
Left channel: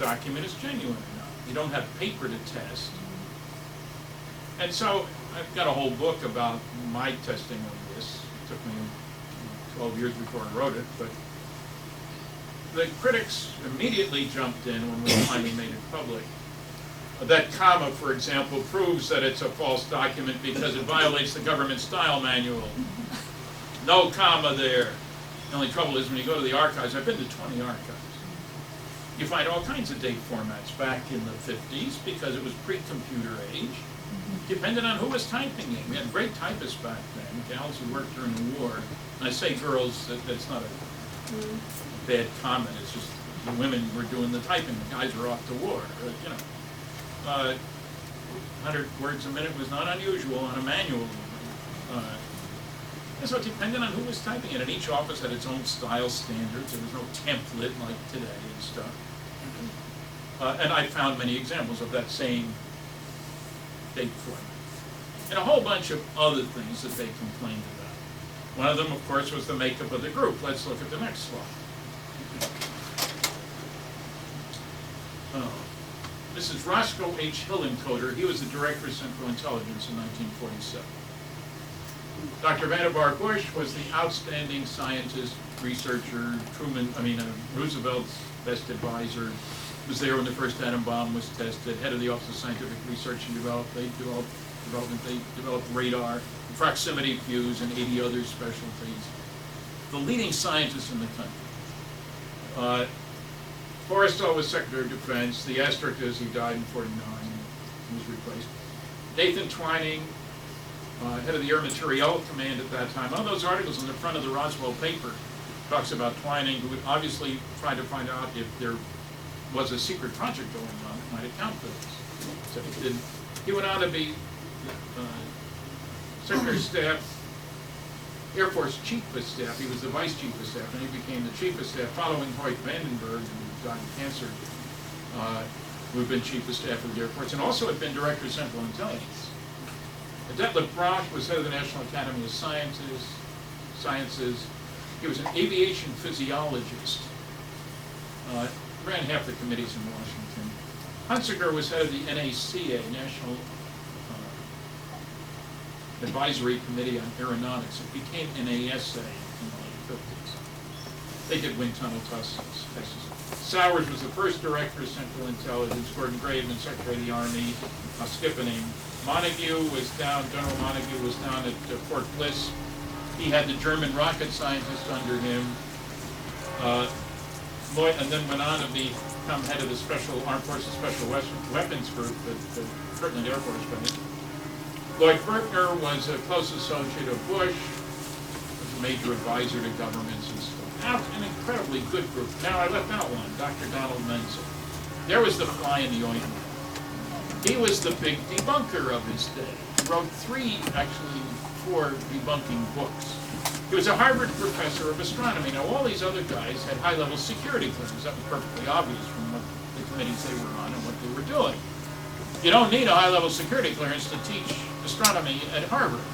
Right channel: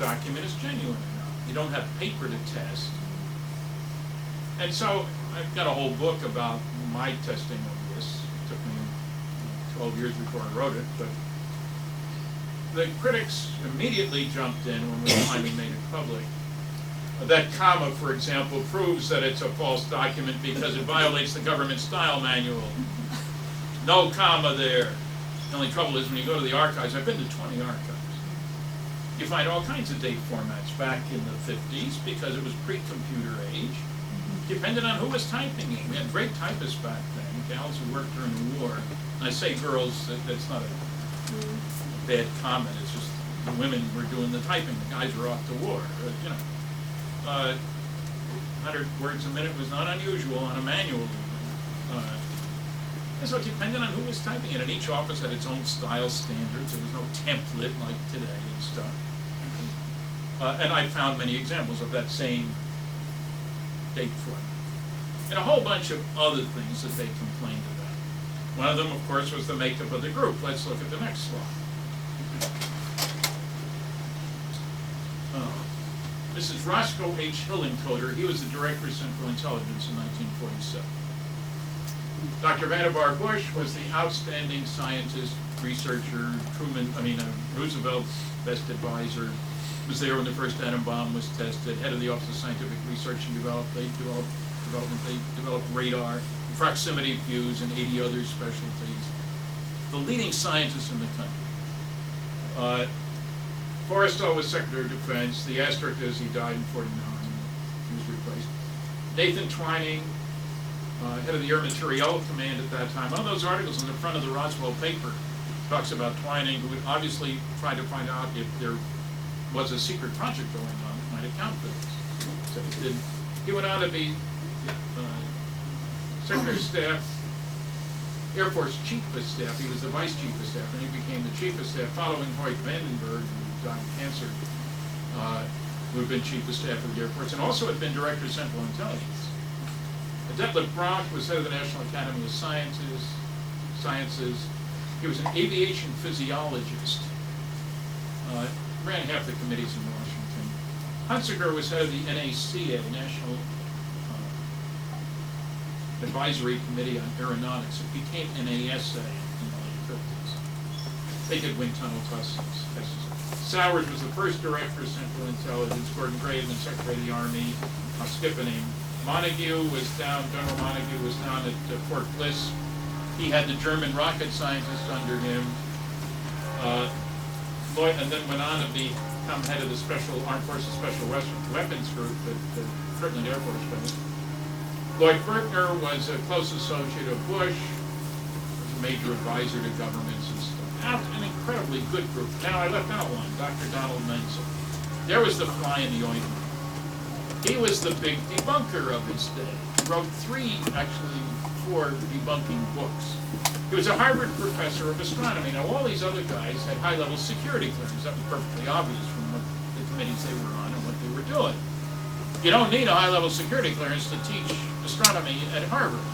document is genuine or not. You don't have paper to test. And so I've got a whole book about my testing of this. It took me 12 years before I wrote it, but the critics immediately jumped in when we finally made it public. That comma, for example, proves that it's a false document because it violates the government style manual. No comma there. The only trouble is when you go to the archives, I've been to 20 archives, you find all kinds of date formats back in the 50s because it was pre-computer age. Depended on who was typing it. We had great typists back then, gals who worked during the war. And I say girls, that's not a bad comment, it's just the women were doing the typing, the guys were off to war, you know. 100 words a minute was not unusual on a manual. And so it depended on who was typing it, and each office had its own style standards. There was no template like today and stuff. And I found many examples of that same date format. And a whole bunch of other things that they complained about. One of them, of course, was the makeup of the group. Let's look at the next slide. This is Roscoe H. Hillencoder. He was the Director of Central Intelligence in 1947. Dr. Vannevar Bush was the outstanding scientist, researcher, Roosevelt's best advisor, was there when the first atom bomb was tested, head of the Office of Scientific Research and Development. They developed radar, proximity fuse, and 80 other specialties. The leading scientists in the country. Forrestal was Secretary of Defense. The asterisk is he died in '49. He was replaced. Nathan Twining, head of the Air Materiel Command at that time. One of those articles in the front of the Roswell paper talks about Twining, who would obviously try to find out if there was a secret project going on that might account for this. So he did. He went on to be Secretary of Staff, Air Force Chief of Staff. He was the Vice Chief of Staff, and he became the Chief of Staff following Hoyt Vandenberg, who died of cancer, who had been Chief of Staff of the Air Force, and also had been Director of Central Intelligence. Detlef Bronk was head of the National Academy of Sciences. He was an aviation physiologist. Ran half the committees in Washington. Hunsaker was head of the NACA, National Advisory Committee on Aeronautics. It became NASA in the late 50s. They did wind tunnel tests. Sowers was the first Director of Central Intelligence. Gordon Gray had been Secretary of the Army. I'll skip a name. Montague was down, General Montague was down at Fort Bliss. He had the German rocket scientist under him. Lloyd, and then went on to become head of the Armed Forces Special Weapons Group at the Kirtland Air Force Base. Lloyd Berkner was a close associate of Bush, was a major advisor to governments and stuff. An incredibly good group. Now I left out one, Dr. Donald Menzel. There was the fly in the ointment. He was the big debunker of his day. He wrote 4 debunking books. He was a Harvard professor of astronomy. Now, all these other guys had high-level security clearance. That was perfectly obvious from what the committees they were on and what they were doing. You don't need a high-level security clearance to teach astronomy at Harvard.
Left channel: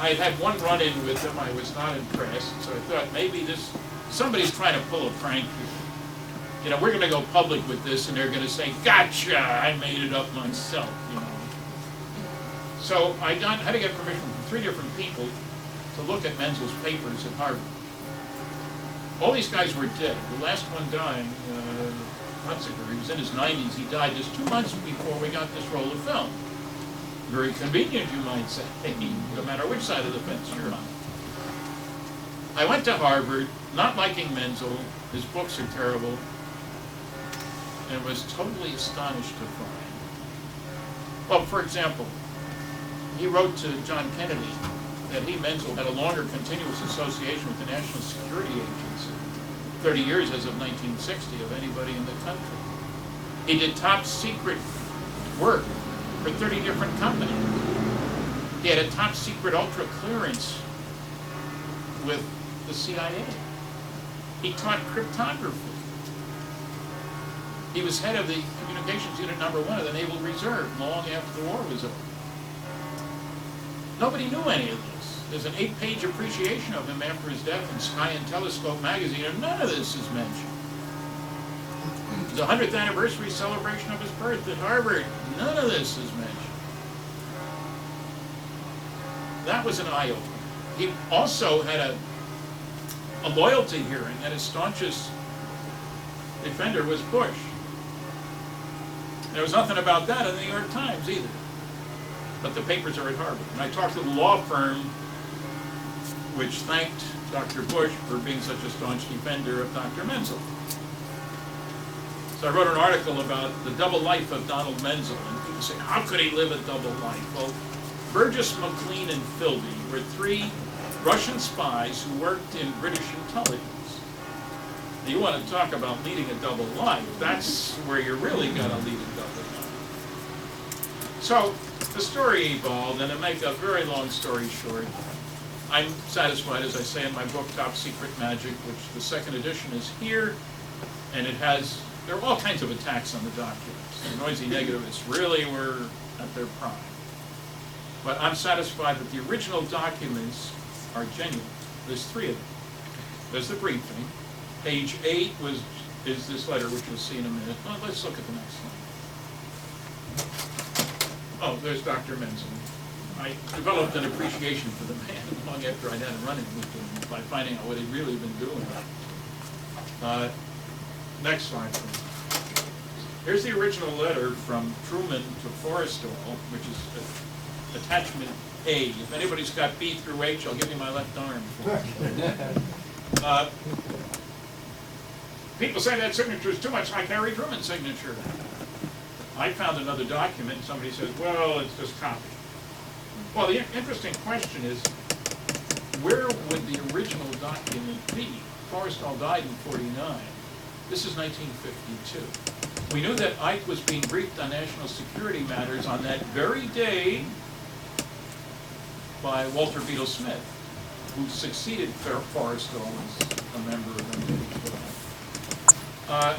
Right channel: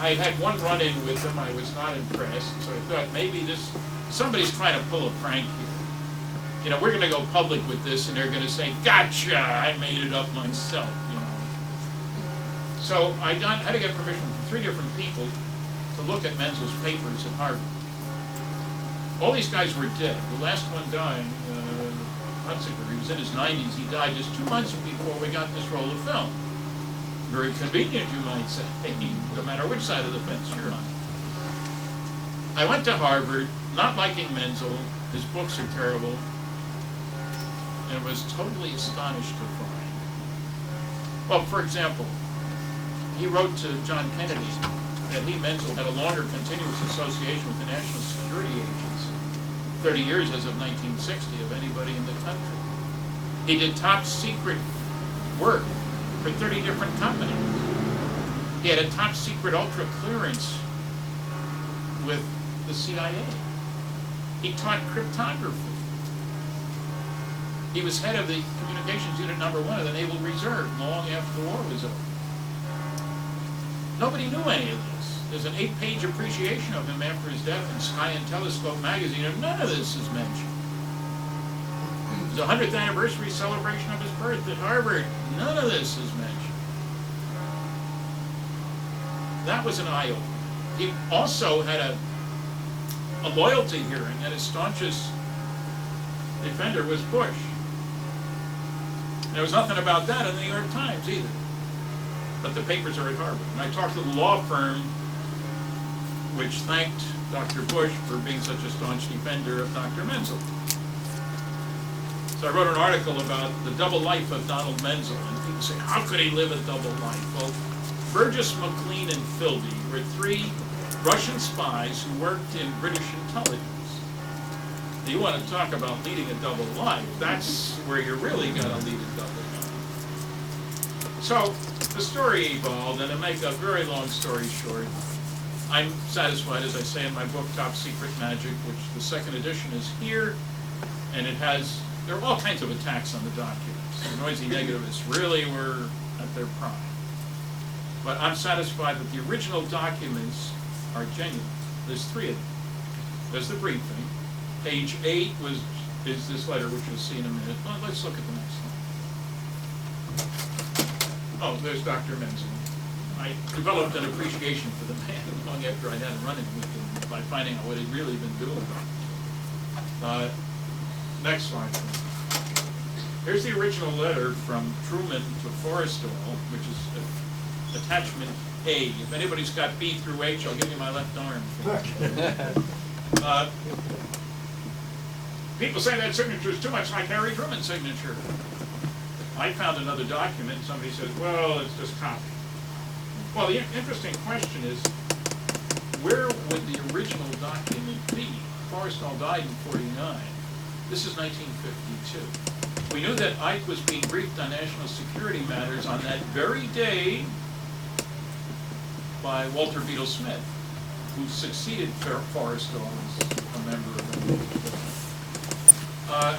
I had one run-in with him. I was not impressed, so I thought maybe somebody's trying to pull a prank here. You know, we're going to go public with this, and they're going to say, "Gotcha! I made it up myself." You know. So I had to get permission from 3 different people to look at Menzel's papers at Harvard. All these guys were dead. The last one dying, Hunsaker, he was in his 90s. He died just 2 months before we got this roll of film. Very convenient, you might say, no matter which side of the fence you're on. I went to Harvard, not liking Menzel. His books are terrible, and was totally astonished to find. Well, for example, he wrote to John Kennedy that Menzel, had a longer continuous association with the National Security Agency, 30 years as of 1960, of anybody in the country. He did top secret work for 30 different companies. He had a top secret ultra clearance with the CIA. He taught cryptography. He was head of the Communications Unit No. 1 of the Naval Reserve long after the war was over. Nobody knew any of this. There's an 8-page appreciation of him after his death in Sky and Telescope magazine, and none of this is mentioned. The 100th anniversary celebration of his birth at Harvard, none of this is mentioned. That was an eye-opener. He also had a loyalty hearing, and his staunchest defender was Bush. There was nothing about that in the New York Times either. But the papers are at Harvard. And I talked to the law firm which thanked Dr. Bush for being such a staunch defender of Dr. Menzel. So I wrote an article about the double life of Donald Menzel, and people say, how could he live a double life? Well, Burgess, McLean, and Philby were three Russian spies who worked in British intelligence. You want to talk about leading a double life, that's where you really got to lead a double life. So the story evolved, and to make a very long story short, I'm satisfied, as I say in my book, Top Secret Magic, which the second edition is here, and there are all kinds of attacks on the documents. The noisy negativists really were at their prime. But I'm satisfied that the original documents are genuine. There's three of them. There's the briefing. Page 8 is this letter, which you'll see in a minute. Well, let's look at the next one. Oh, there's Dr. Menzel. I developed an appreciation for the man long after I'd had him running with him by finding out what he'd really been doing. Next slide, please. Here's the original letter from Truman to Forrestal, which is attachment A. If anybody's got B through H, I'll give you my left arm. People say that signature is too much like Harry Truman's signature. I found another document, and somebody says, well, it's just copy. Well, the interesting question is, where would the original document be? Forrestal died in '49. This is 1952. We knew that Ike was being briefed on national security matters on that very day by Walter Beadle Smith, who succeeded Forrestal as a member of the NWA.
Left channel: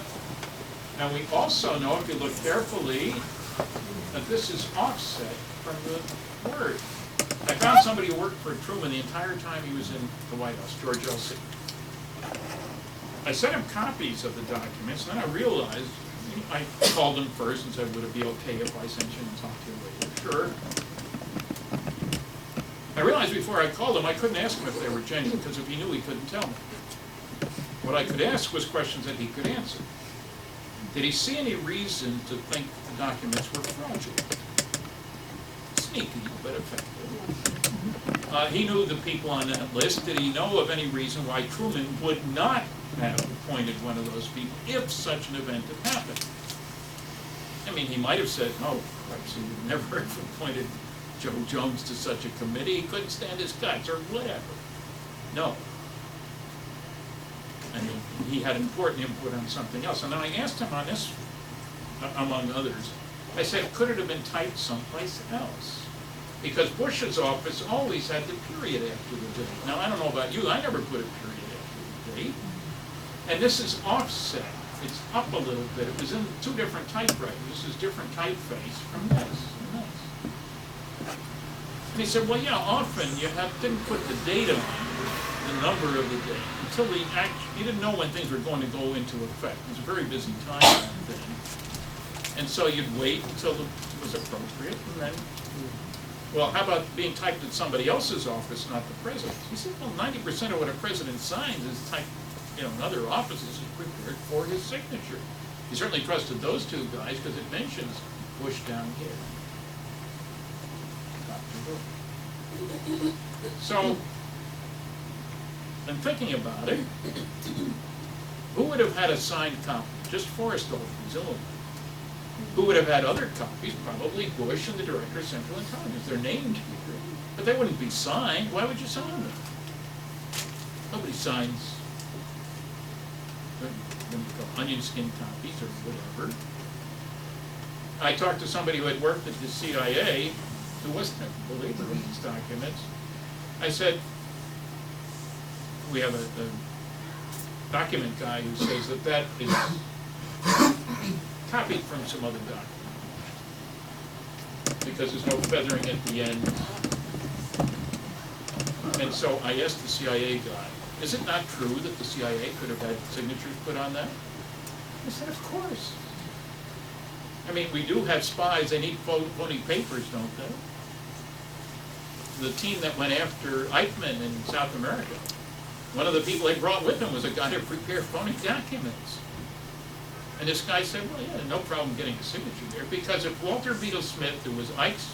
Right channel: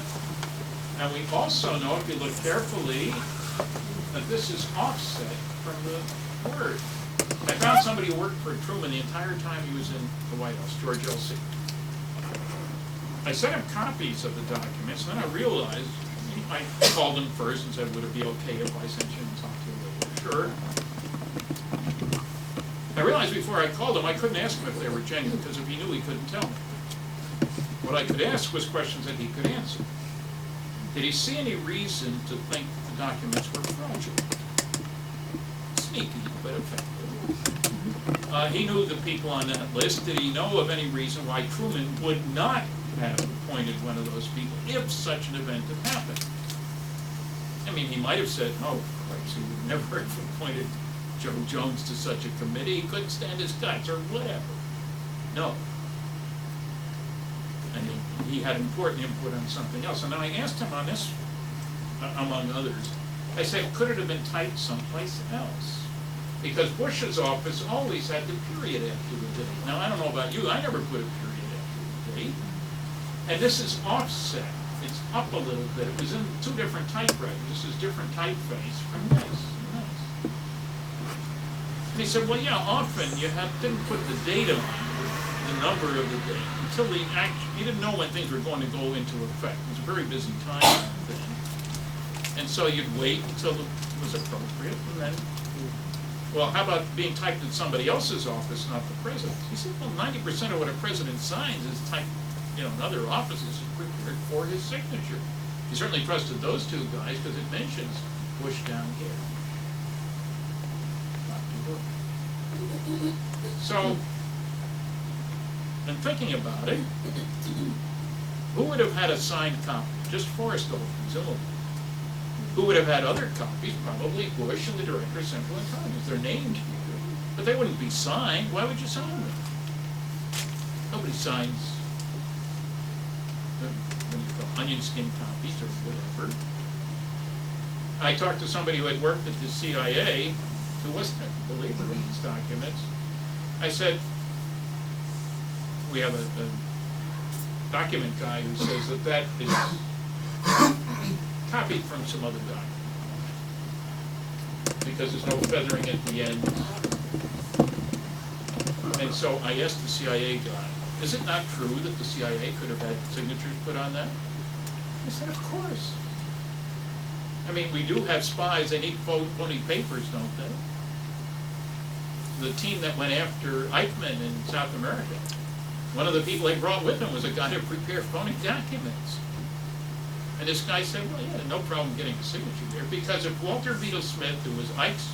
Now we also know, if you look carefully, that this is offset from the Word. I found somebody who worked for Truman the entire time he was in the White House, George L.C. I sent him copies of the documents, and then I realized, I called him first and said, would it be okay if I sent you and talked to you later? Sure. I realized before I called him, I couldn't ask him if they were genuine, because if he knew, he couldn't tell me. What I could ask was questions that he could answer. Did he see any reason to think that the documents were fraudulent? Sneaky, but effective. He knew the people on that list. Did he know of any reason why Truman would not have appointed one of those people if such an event had happened? I mean, he might have said, no, perhaps he would never have appointed Joe Jones to such a committee. He couldn't stand his guts or whatever. No. And he had important input on something else. And then I asked him on this, among others, I said, could it have been typed someplace else? Because Bush's office always had the period after the date. Now, I don't know about you, I never put a period after the date. And this is offset. It's up a little bit. It was in two different typewriters. This is different typeface from this and this. And he said, well, yeah, often you didn't put the date on, the number of the date, until you didn't know when things were going to go into effect. It was a very busy time then. And so you'd wait until it was appropriate, and then, well, how about being typed at somebody else's office, not the president's? He said, well, 90% of what a president signs is typed, in other offices is prepared for his signature. He certainly trusted those two guys because it mentions Bush down here. Dr. Bush. So, in thinking about it, who would have had a signed copy? Just Forrestal, presumably. Who would have had other copies? Probably Bush and the Director of Central Intelligence. They're named here, but they wouldn't be signed. Why would you sign them? Nobody signs onion skin copies or whatever. I talked to somebody who had worked at the CIA, who wasn't a believer in these documents. I said, we have a document guy who says that is copied from some other document because there's no feathering at the end. And so I asked the CIA guy, is it not true that the CIA could have had signatures put on that? I said, of course. I mean, we do have spies. They need phony papers, don't they? the team that went after Eichmann in South America. One of the people they brought with him was a guy who prepared phony documents. And this guy said, well, yeah, no problem getting a signature there, because if Walter Beadle Smith, who was Ike's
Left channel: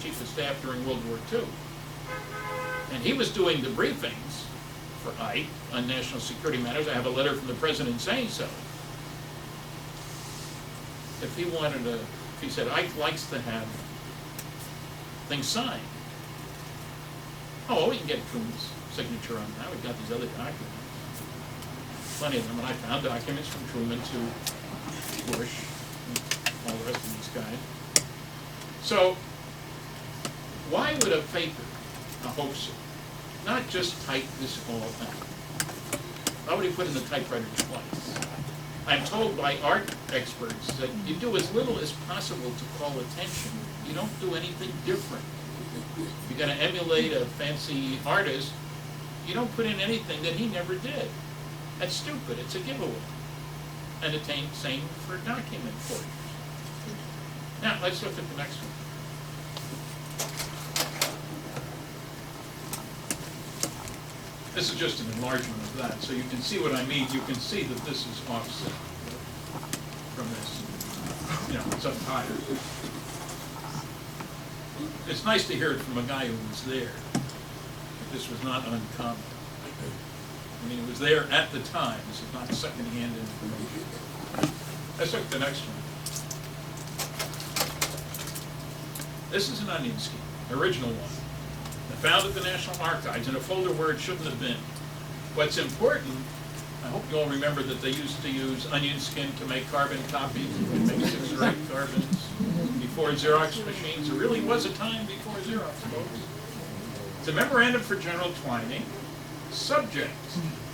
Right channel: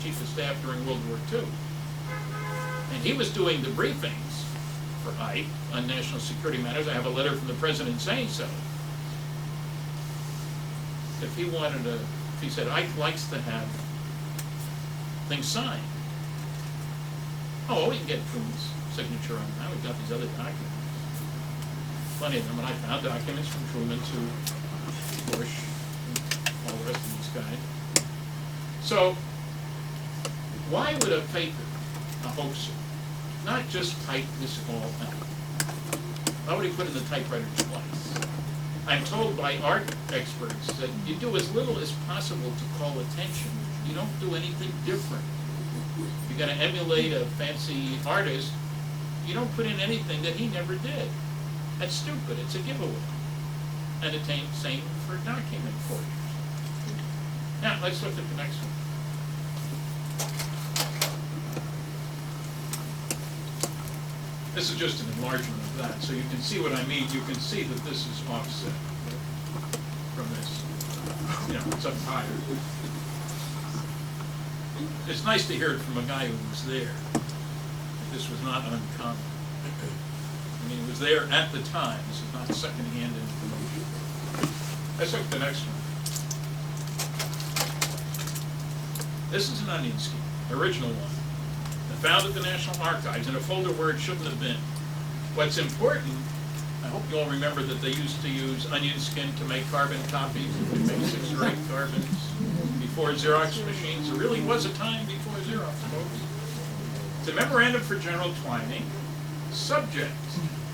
chief of staff during World War II, and he was doing the briefings for Ike on national security matters, I have a letter from the president saying so. If he said, Ike likes to have things signed. Oh, we can get Truman's signature on that. We've got these other documents. Plenty of them, and I found documents from Truman to Bush and all the rest of these guys. So, why would a faker, a hoaxer, not just type this all out? Why would he put in the typewriter twice? I'm told by art experts that you do as little as possible to call attention. You don't do anything different. If you're going to emulate a fancy artist, you don't put in anything that he never did. That's stupid. It's a giveaway. And it's same for document forgers. Now, let's look at the next one. This is just an enlargement of that, so you can see what I mean. You can see that this is offset from this. You know, it's up higher. It's nice to hear it from a guy who was there. This was not uncommon. I mean, it was there at the time. This is not second-hand information. Let's look at the next one. This is an onion scheme, original one. Found at the National Archives in a folder where it shouldn't have been. What's important, I hope you all remember that they used to use onion skin to make carbon copies. You could make 6 or 8 carbons before Xerox machines. There really was a time before Xerox, folks. It's a memorandum for General Twining. Subject,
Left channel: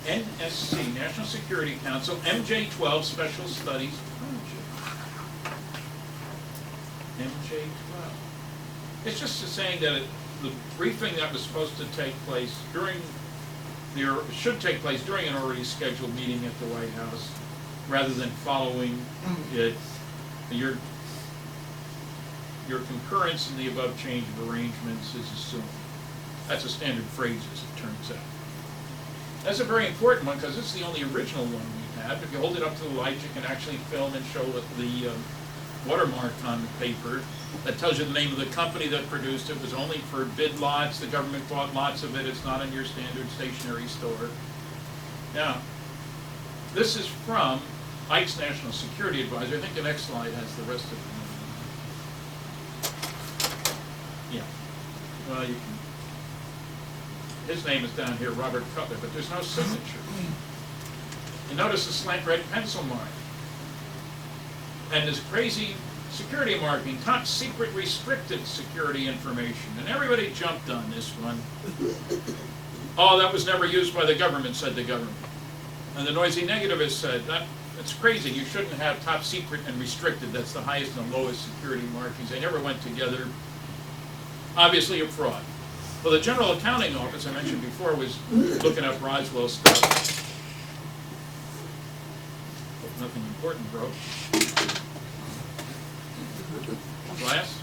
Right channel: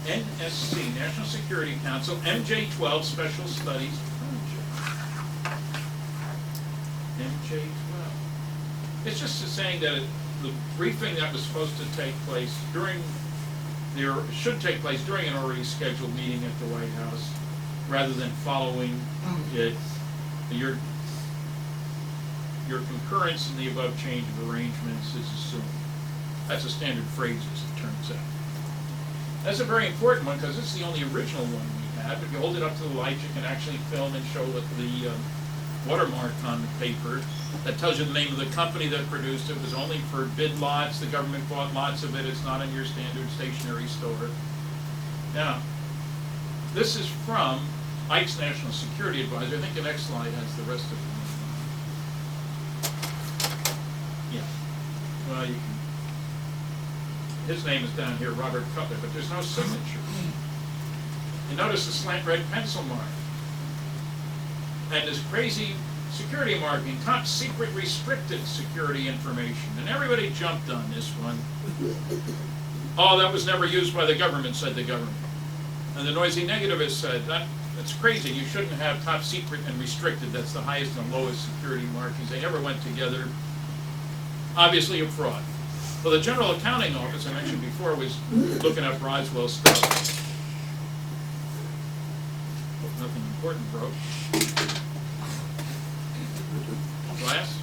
NSC, National Security Council, MJ-12 Special Studies Project. MJ-12. It's just saying that the briefing that was supposed to take place should take place during an already scheduled meeting at the White House, rather than following it. Your concurrence in the above change of arrangements is assumed. That's a standard phrase, as it turns out. That's a very important one because it's the only original one we have. If you hold it up to the light, you can actually film and show the watermark on the paper that tells you the name of the company that produced it. It was only for bid lots. The government bought lots of it. It's not in your standard stationery store. Now, this is from Ike's National Security Advisor. I think the next slide has the rest of it. Yeah. Well, you can. His name is down here, Robert Cutler, but there's no signature. You notice the slant red pencil mark. And this crazy security marking, top secret restricted security information. And everybody jumped on this one. Oh, that was never used by the government, said the government. And the noisy negativist said, that's crazy. You shouldn't have top secret and restricted. That's the highest and lowest security markings. They never went together. Obviously a fraud. Well, the General Accounting Office, I mentioned before, was looking up Roswell stuff. Hope nothing important broke. Glass?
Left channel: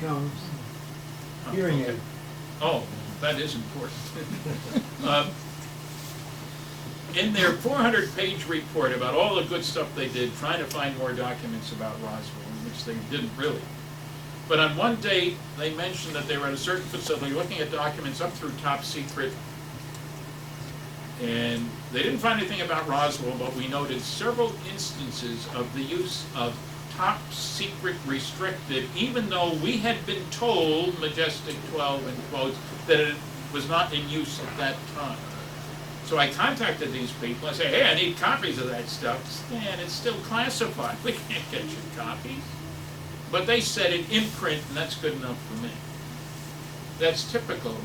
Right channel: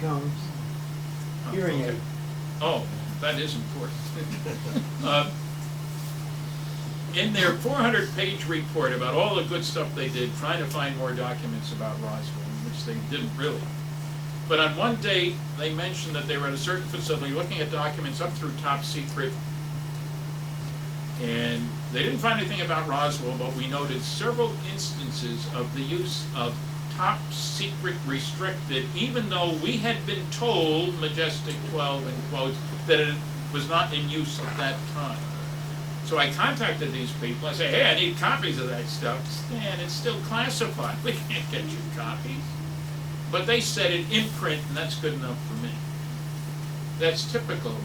Comes. Hearing aid. Oh, that is important. In their 400-page report about all the good stuff they did, trying to find more documents about Roswell, which they didn't really. But on one date, they mentioned that they were at a certain facility looking at documents up through top secret, and they didn't find anything about Roswell, but we noted several instances of the use of top secret restricted, even though we had been told, Majestic 12 in quotes, that it was not in use at that time. So I contacted these people. I said, hey, I need copies of that stuff. Stan, it's still classified. We can't get you copies. But they said it in print, and that's good enough for me. That's typical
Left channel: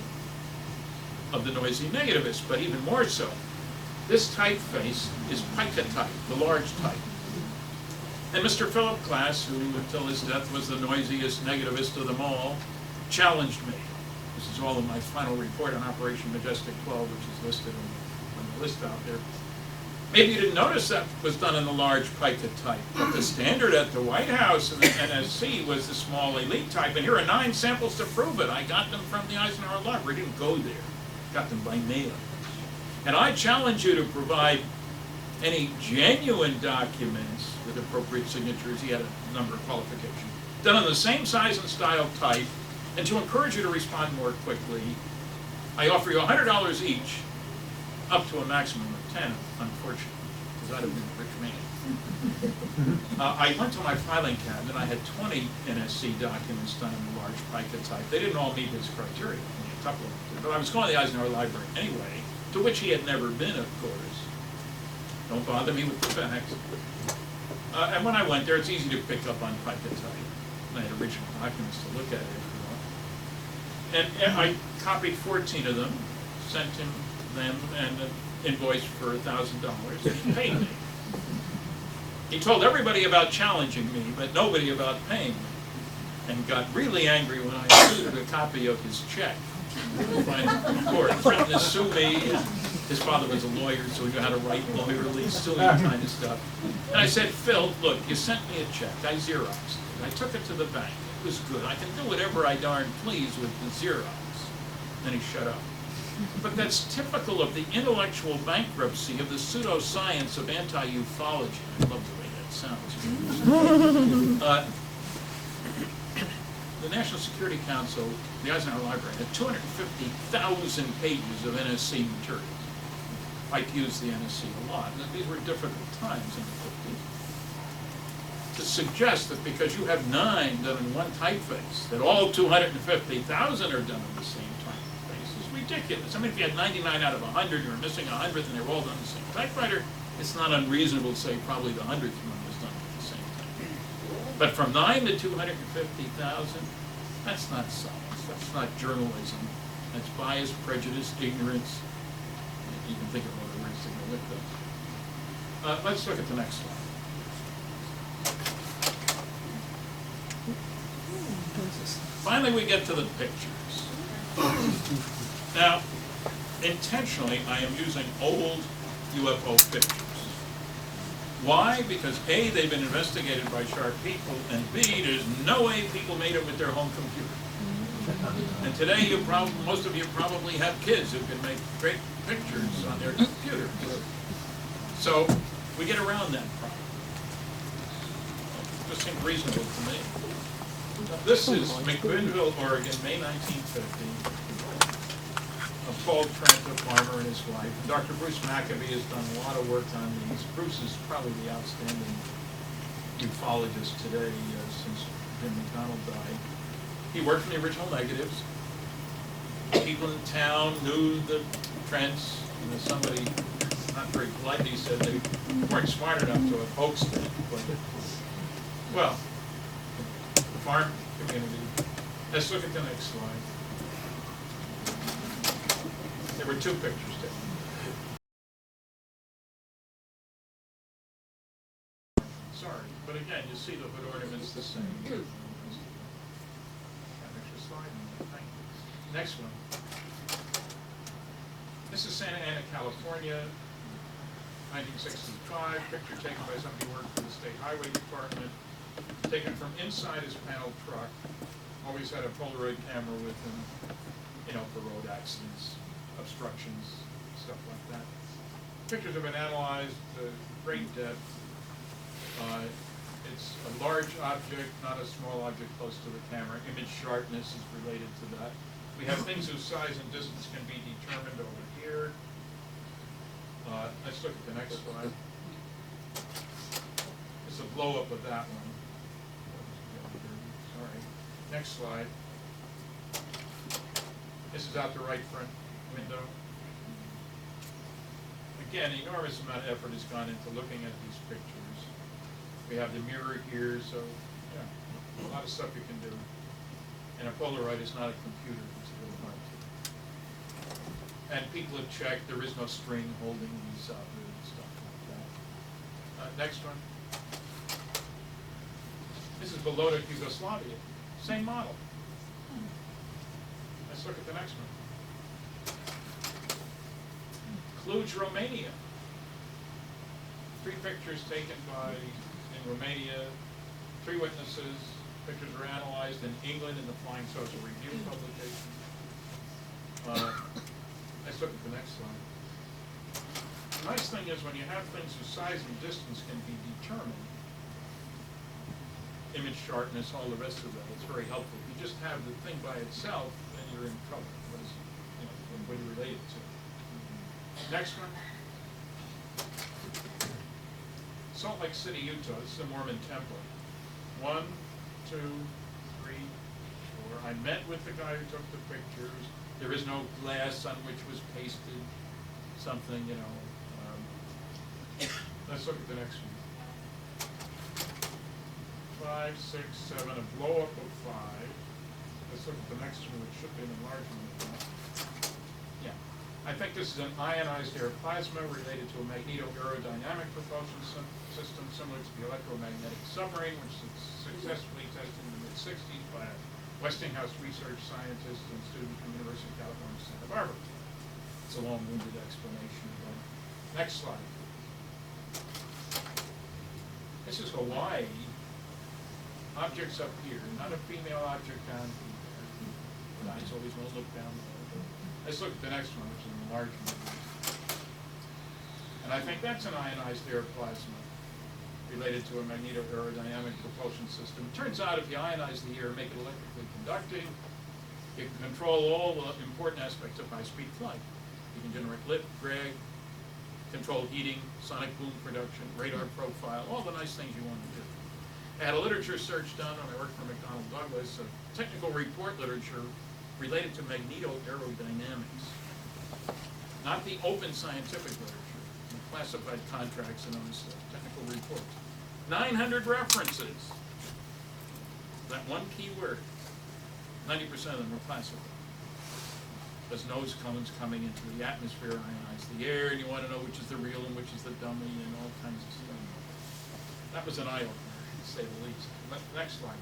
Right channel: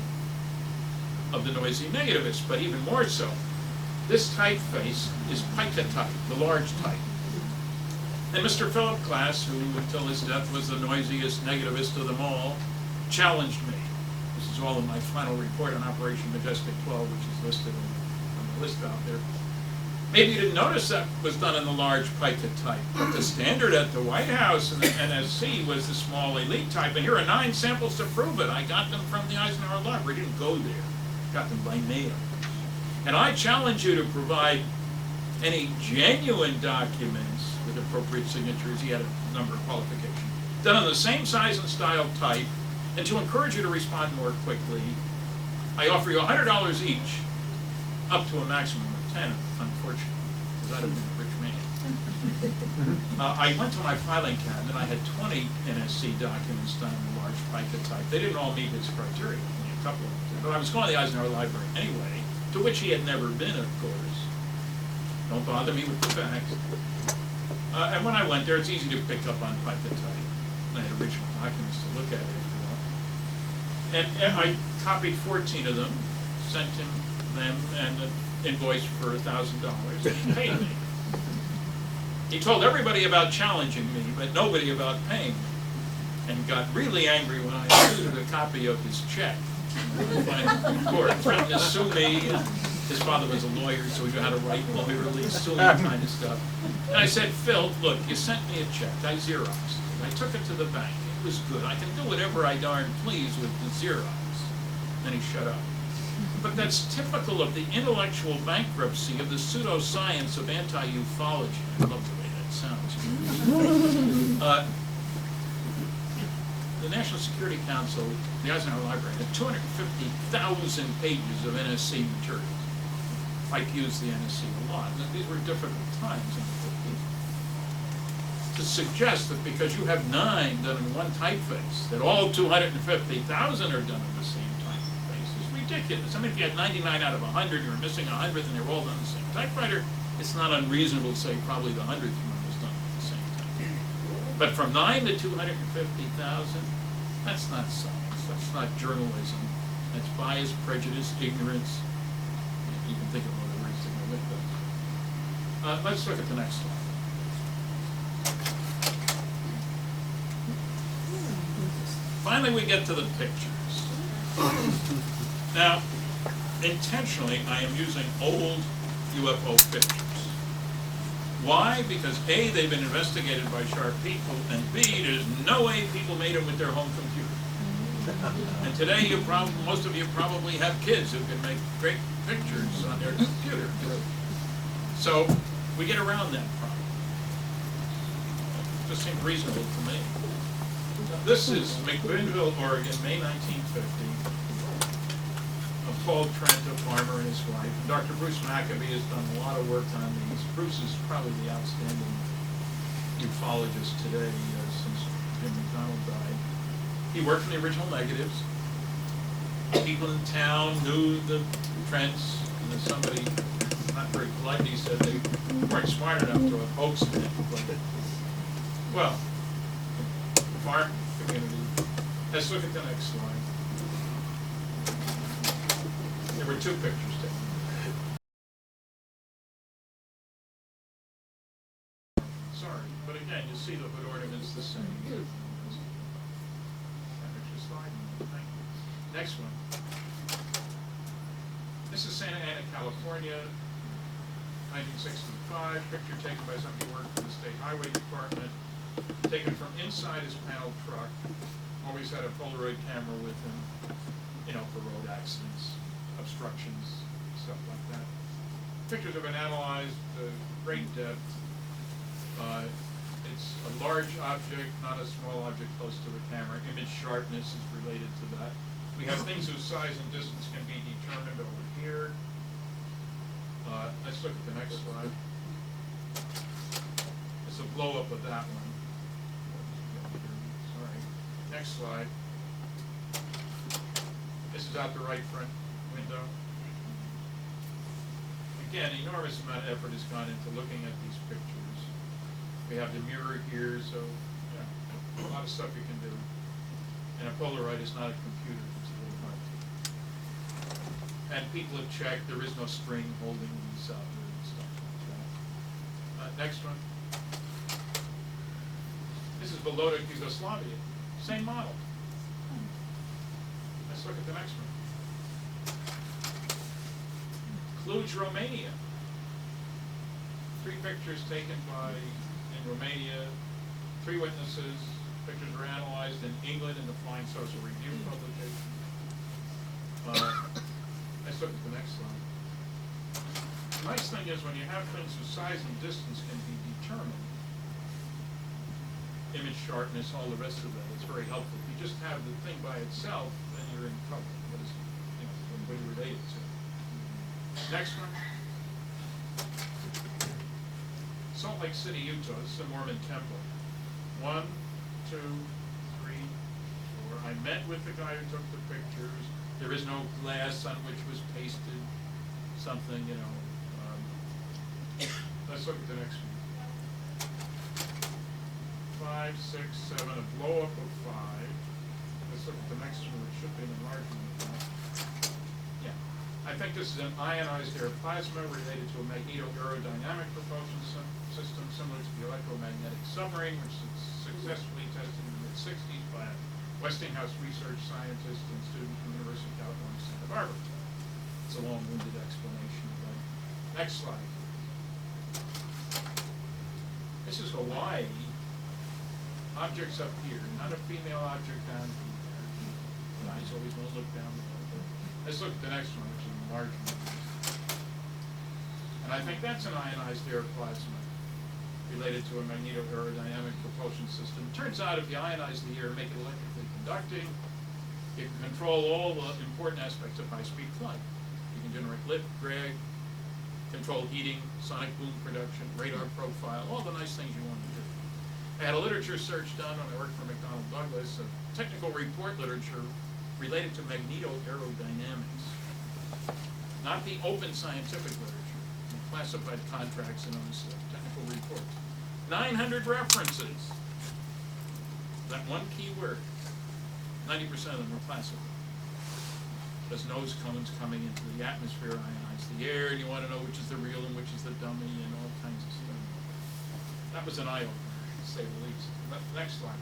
of the noisy negativists, but even more so. This typeface is pica type, the large type. And Mr. Philip Glass, who until his death was the noisiest negativist of them all, challenged me. This is all in my final report on Operation Majestic 12, which is listed on the list out there. Maybe you didn't notice that was done in the large pica type, but the standard at the White House and the NSC was the small elite type, and here are 9 samples to prove it. I got them from the Eisenhower Library. Didn't go there. Got them by mail. And I challenge you to provide any genuine documents with appropriate signatures. He had a number of qualifications. Done in the same size and style type, and to encourage you to respond more quickly, I offer you $100 each, up to a maximum of 10, unfortunately, because I'd have been a rich man. I went to my filing cabinet. I had 20 NSC documents done in the large pica type. They didn't all meet his criteria, only a couple of them did. But I was going to the Eisenhower Library anyway, to which he had never been, of course. Don't bother me with the facts. And when I went there, it's easy to pick up on pica type. I had original documents to look at it if you want. And I copied 14 of them, sent him them, and an invoice for $1,000, and he paid me. He told everybody about challenging me, but nobody about paying me, and got really angry when I included a copy of his check. Of course, threatened to sue me. His father was a lawyer, so he knew how to write lawyerly, suing kind of stuff. And I said, Phil, look, you sent me a check. I Xeroxed it. I took it to the bank. It was good. I can do whatever I darn please with the Xerox. Then he shut up. But that's typical of the intellectual bankruptcy of the pseudoscience of anti-ufology. I love the way that sounds. The National Security Council, the Eisenhower Library, had 250,000 pages of NSC materials. Mike used the NSC a lot. These were difficult times in the 50s. To suggest that because you have 9 done in one typeface, that all 250,000 are done in the same typeface is ridiculous. I mean, if you had 99 out of 100, you were missing 100th, and they were all done in the same typewriter, it's not unreasonable to say probably the 100th one was done at the same time. But from 9 to 250,000, that's not science. That's not journalism. That's bias, prejudice, ignorance. You can think of other words to go with that. Let's look at the next slide. Finally, we get to the pictures. Now, intentionally, I am using old UFO pictures. Why? Because A, they've been investigated by sharp people, and B, there's no way people made them with their home computer. And today, most of you probably have kids who can make great pictures on their computer. So, we get around that problem. It just seemed reasonable to me. This is McMinnville, Oregon, May 1950. Of Paul Trent, a farmer, and his wife. And Dr. Bruce Maccabee has done a lot of work on these. Bruce is probably the outstanding ufologist today since Jim McDonald died. He worked on the original negatives. People in town knew the Trents, and as somebody not very politely said, they weren't smart enough to have hoaxed it. But, well, the farm community. Let's look at the next slide. There were 2 pictures taken. Sorry, but again, you see the hood ornaments the same. Extra slide. Thank you. Next one. This is Santa Ana, California, 1965. Picture taken by somebody who worked for the State Highway Department. Taken from inside his panel truck. Always had a Polaroid camera with him, you know, for road accidents, obstructions, stuff like that. Pictures have been analyzed to great depth. It's a large object, not a small object close to the camera. Image sharpness is related to that. We have things whose size and distance can be determined over here. Let's look at the next slide. It's a blow up of that one. Sorry. Next slide. This is out the right front window. Again, enormous amount of effort has gone into looking at these pictures. We have the mirror here, so yeah, a lot of stuff you can do. And a Polaroid is not a computer, it's a little hard to. And people have checked, there is no string holding these up and stuff like that. Next one. This is Belota, Yugoslavia. Same model. Let's look at the next one. Cluj, Romania. 3 pictures taken in Romania, 3 witnesses. Pictures were analyzed in England in the Flying Saucer Review publication. Let's look at the next slide. The nice thing is when you have things whose size and distance can be determined, image sharpness, all the rest of that, it's very helpful. If you just have the thing by itself, then you're in trouble. What do you relate it to? Next one. Salt Lake City, Utah. This is a Mormon temple. 1, 2, 3, 4. I met with the guy who took the pictures. There is no glass on which was pasted something, let's look at the next one. 5, 6, 7, a blow up of 5. Let's look at the next one, which should be an enlargement of that. Yeah. I think this is an ionized air plasma related to a magneto-aerodynamic propulsion system similar to the electromagnetic submarine, which was successfully tested in the mid-60s by a Westinghouse research scientist and student from the University of California, Santa Barbara. It's a long-winded explanation of that. Next slide. This is Hawaii. Objects up here, not a female object down here. Guys always want to look down there. Let's look at the next one, which is an enlargement. And I think that's an ionized air plasma related to a magneto-aerodynamic propulsion system. It turns out if you ionize the air and make it electrically conducting, you can control all the important aspects of high-speed flight. You can generate lift, drag, control heating, sonic boom production, radar profile, all the nice things you want to do. I had a literature search done when I worked for McDonnell Douglas of technical report literature related to magneto-aerodynamics. Not the open scientific literature, the classified contracts and other stuff, technical reports. 900 references. That one key word. 90% of them were classified. Because nose cones coming into the atmosphere ionize the air, and you want to know which is the real and which is the dummy and all kinds of stuff. That was an eye-opener, to say the least. Next slide.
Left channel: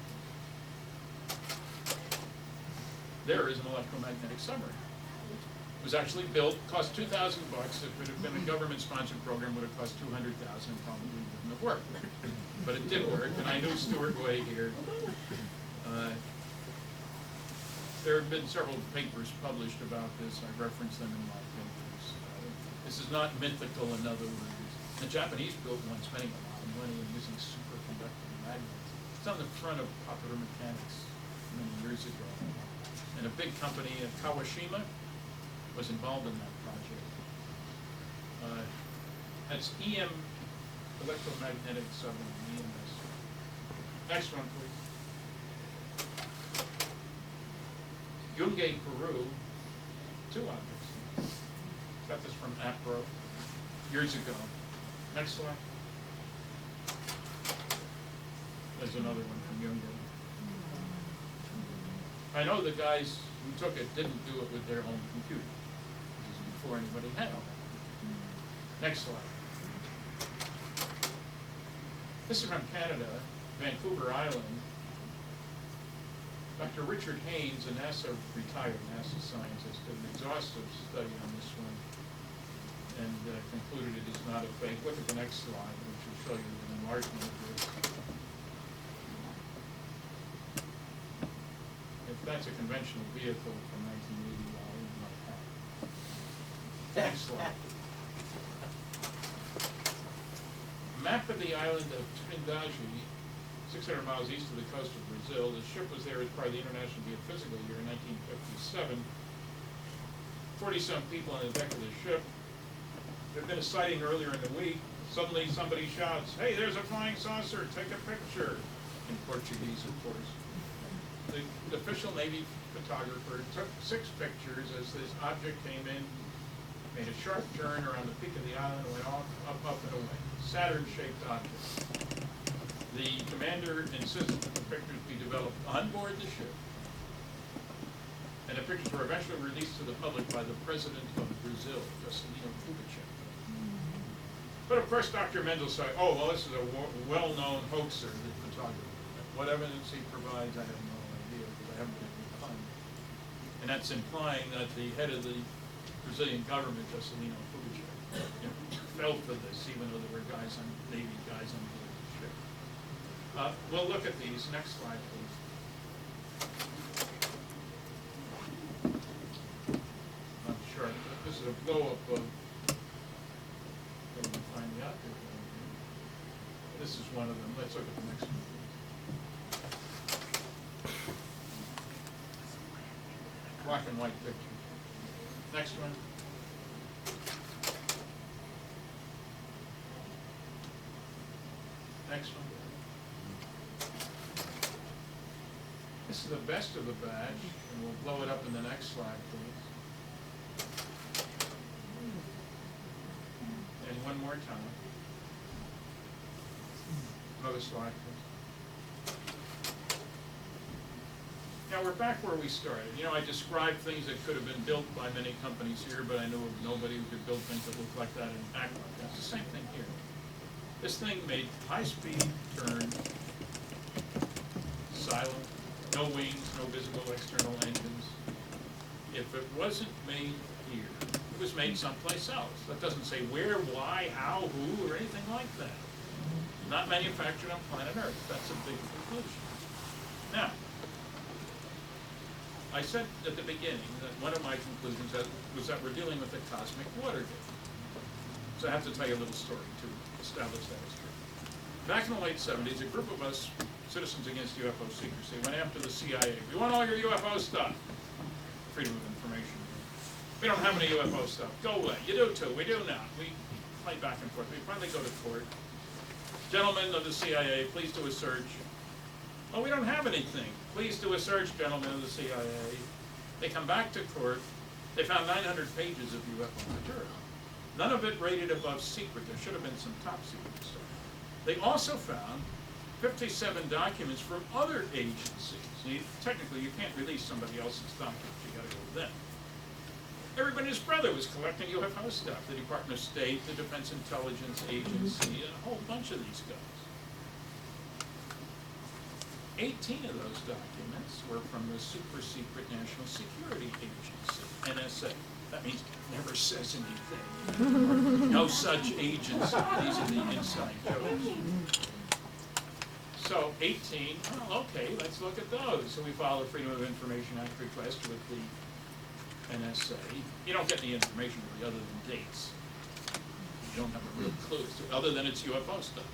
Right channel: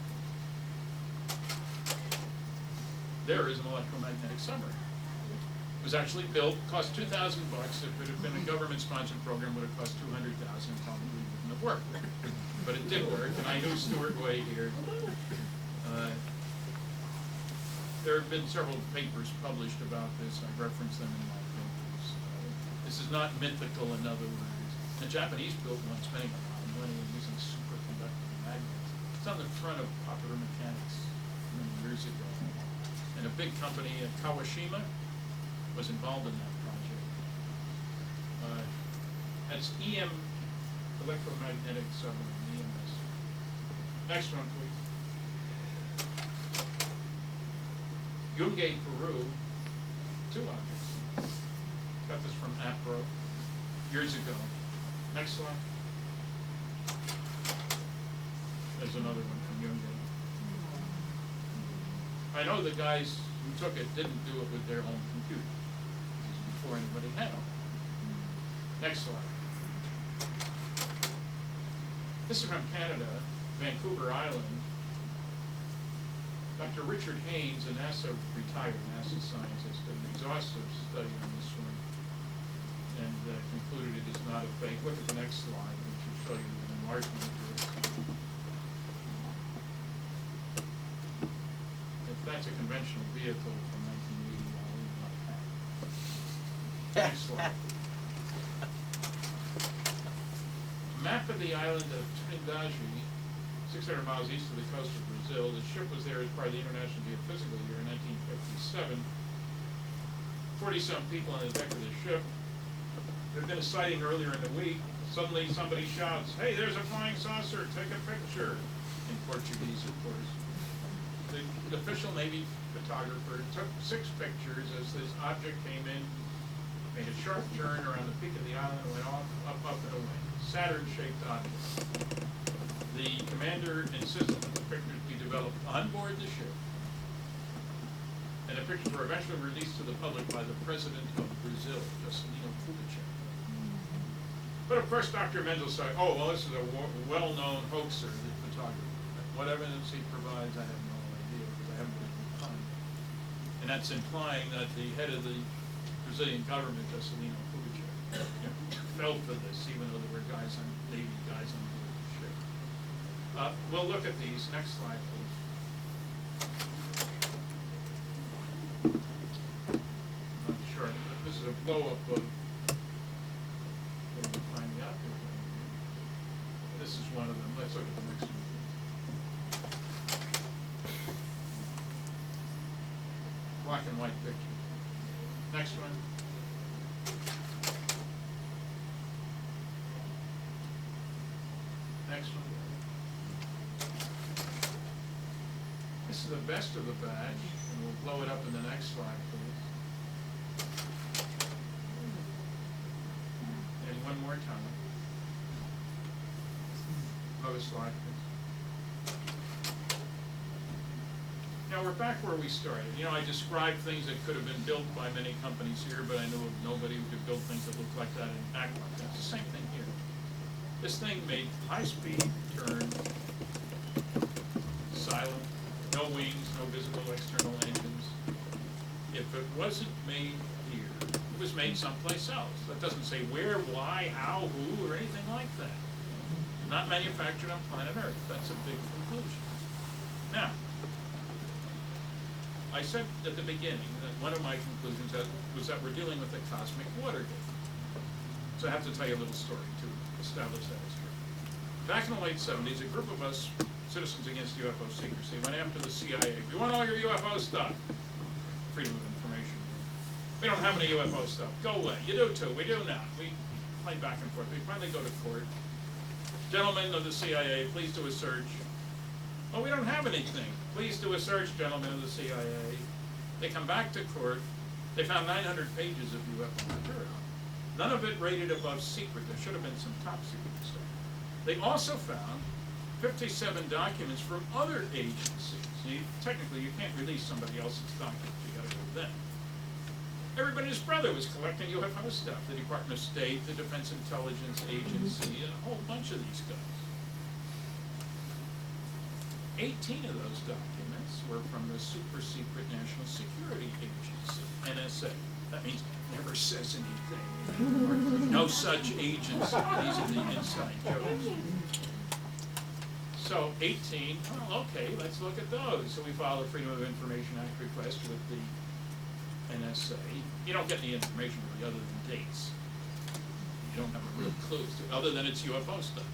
There is an electromagnetic submarine. It was actually built, cost $2,000. If it had been a government-sponsored program, it would have cost $200,000 and probably wouldn't have worked. But it did work, and I knew Stuart Way here. There have been several papers published about this. I reference them in my papers. This is not mythical, in other words. The Japanese built one, spending a lot of money and using superconducting magnets. It's on the front of Popular Mechanics many years ago. And a big company, Kawashima, was involved in that project. That's EM, electromagnetic submarine, EMS. Next one, please. Yungay, Peru, 2 objects. Got this from APRO years ago. Next slide. There's another one from Yungay. I know the guys who took it didn't do it with their own computer. This is before anybody had them. Next slide. This is from Canada, Vancouver Island. Dr. Richard Haynes, a retired NASA scientist, did an exhaustive study on this one and concluded it is not a fake. Look at the next slide, which will show you an enlargement of this. If that's a conventional vehicle from 1980, I'll leave it like that. Next slide. Map of the island of Trindade, 600 miles east of the coast of Brazil. The ship was there as part of the International Geophysical Year in 1957. 40-some people on the deck of the ship. There had been a sighting earlier in the week. Suddenly somebody shouts, "Hey, there's a flying saucer, take a picture." In Portuguese, of course. The official Navy photographer took 6 pictures as this object came in, made a sharp turn around the peak of the island and went off, up, and away. Saturn-shaped object. The commander insisted that the pictures be developed on board the ship. And the pictures were eventually released to the public by the president of Brazil, Juscelino Kubitschek. But of course, Dr. Mendel said, "Oh, well, this is a well-known hoaxer, the photographer. What evidence he provides, I have no idea, because I haven't been able to find it." And that's implying that the head of the Brazilian government, Juscelino Kubitschek, fell for this, even though there were guys on, Navy guys on board the ship. We'll look at these. Next slide, please. Not sure. This is a blow-up of, can we find the object? This is one of them. Let's look at the next one, please. Black and white picture. Next one. Next one. This is the best of the batch, and we'll blow it up in the next slide, please. And one more time. Another slide, please. Now we're back where we started. You know, I described things that could have been built by many companies here, but I know of nobody who could build things that look like that and act like that. It's the same thing here. This thing made high-speed turn, silent, no wings, no visible external engines. If it wasn't made here, it was made someplace else. That doesn't say where, why, how, who, or anything like that. Not manufactured on planet Earth. That's a big conclusion. Now, I said at the beginning that one of my conclusions was that we're dealing with a cosmic Watergate. So I have to tell you a little story to establish that as true. Back in the late 70s, a group of us, Citizens Against UFO Secrecy, went after the CIA. We want all your UFO stuff. Freedom of information. We don't have any UFO stuff. Go away. You do too. We do not. We play back and forth. We finally go to court. Gentlemen of the CIA, please do a search. Oh, we don't have anything. Please do a search, gentlemen of the CIA. They come back to court. They found 900 pages of UFO material. None of it rated above secret. There should have been some top secret stuff. They also found 57 documents from other agencies. Technically, you can't release somebody else's documents. You got to go with them. Everybody and his brother was collecting UFO stuff. The Department of State, the Defense Intelligence Agency, and a whole bunch of these guys. 18 of those documents were from the super secret National Security Agency, NSA. That means never says anything. No such agency. These are the inside jokes. So 18, well, okay, let's look at those. So we filed a Freedom of Information Act request with the NSA. You don't get any information really other than dates. You don't have a real clue as to, other than it's UFO stuff,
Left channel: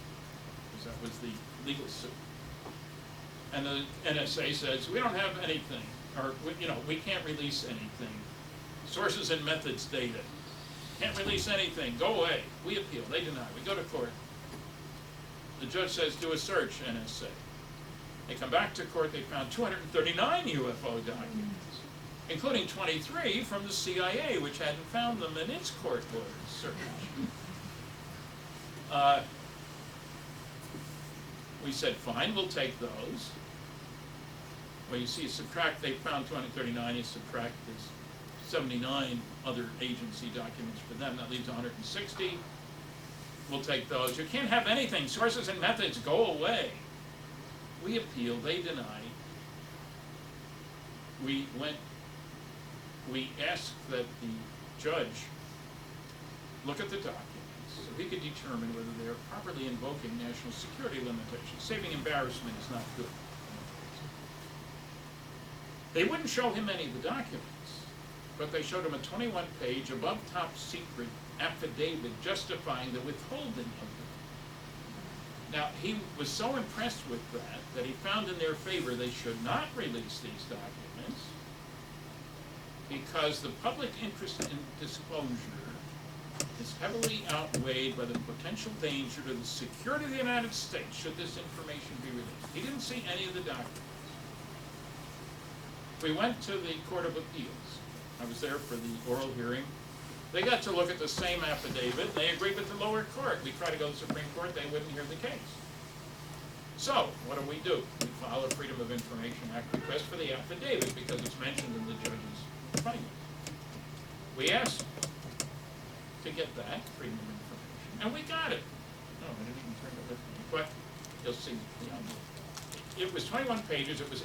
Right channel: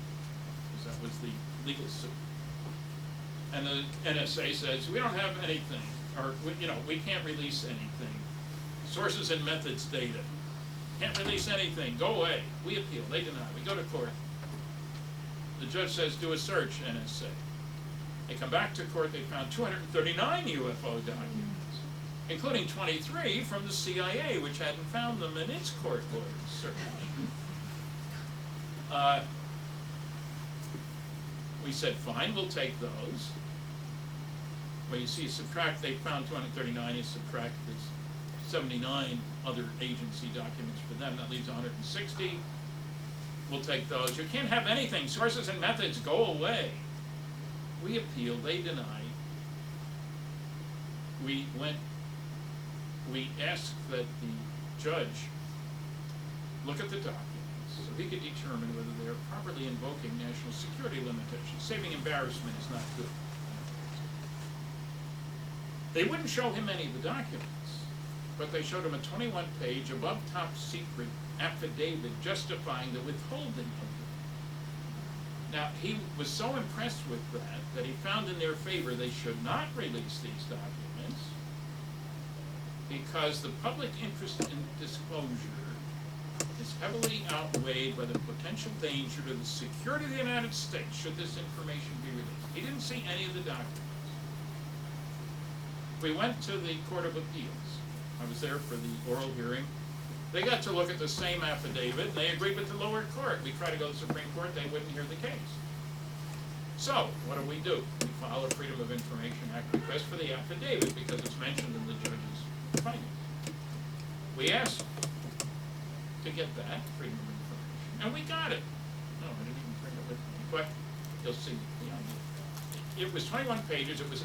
because that was the legal suit. And the NSA says, we don't have anything, or, we can't release anything. Sources and methods data. Can't release anything, go away. We appeal, they deny, we go to court. The judge says, do a search, NSA. They come back to court, they found 239 UFO documents, including 23 from the CIA, which hadn't found them in its court order search. We said, fine, we'll take those. Well, you see, subtract, they found 239, you subtract this 79 other agency documents for them, that leaves 160. We'll take those. You can't have anything. Sources and methods, go away. We appealed, they denied. We asked that the judge look at the documents so he could determine whether they are properly invoking national security limitations. Saving embarrassment is not good. They wouldn't show him any of the documents, but they showed him a 21-page above top secret affidavit justifying the withholding of them. Now, he was so impressed with that he found in their favor they should not release these documents because the public interest in disclosure is heavily outweighed by the potential danger to the security of the United States should this information be released. He didn't see any of the documents. We went to the Court of Appeals. I was there for the oral hearing. They got to look at the same affidavit, and they agreed with the lower court. We tried to go to the Supreme Court, they wouldn't hear the case. So, what do? We file a Freedom of Information Act request for the affidavit because it's mentioned in the judge's findings. We asked to get that Freedom of Information, and we got it. No, I didn't even bring it with me, but you'll see the idea. It was 21 pages, it was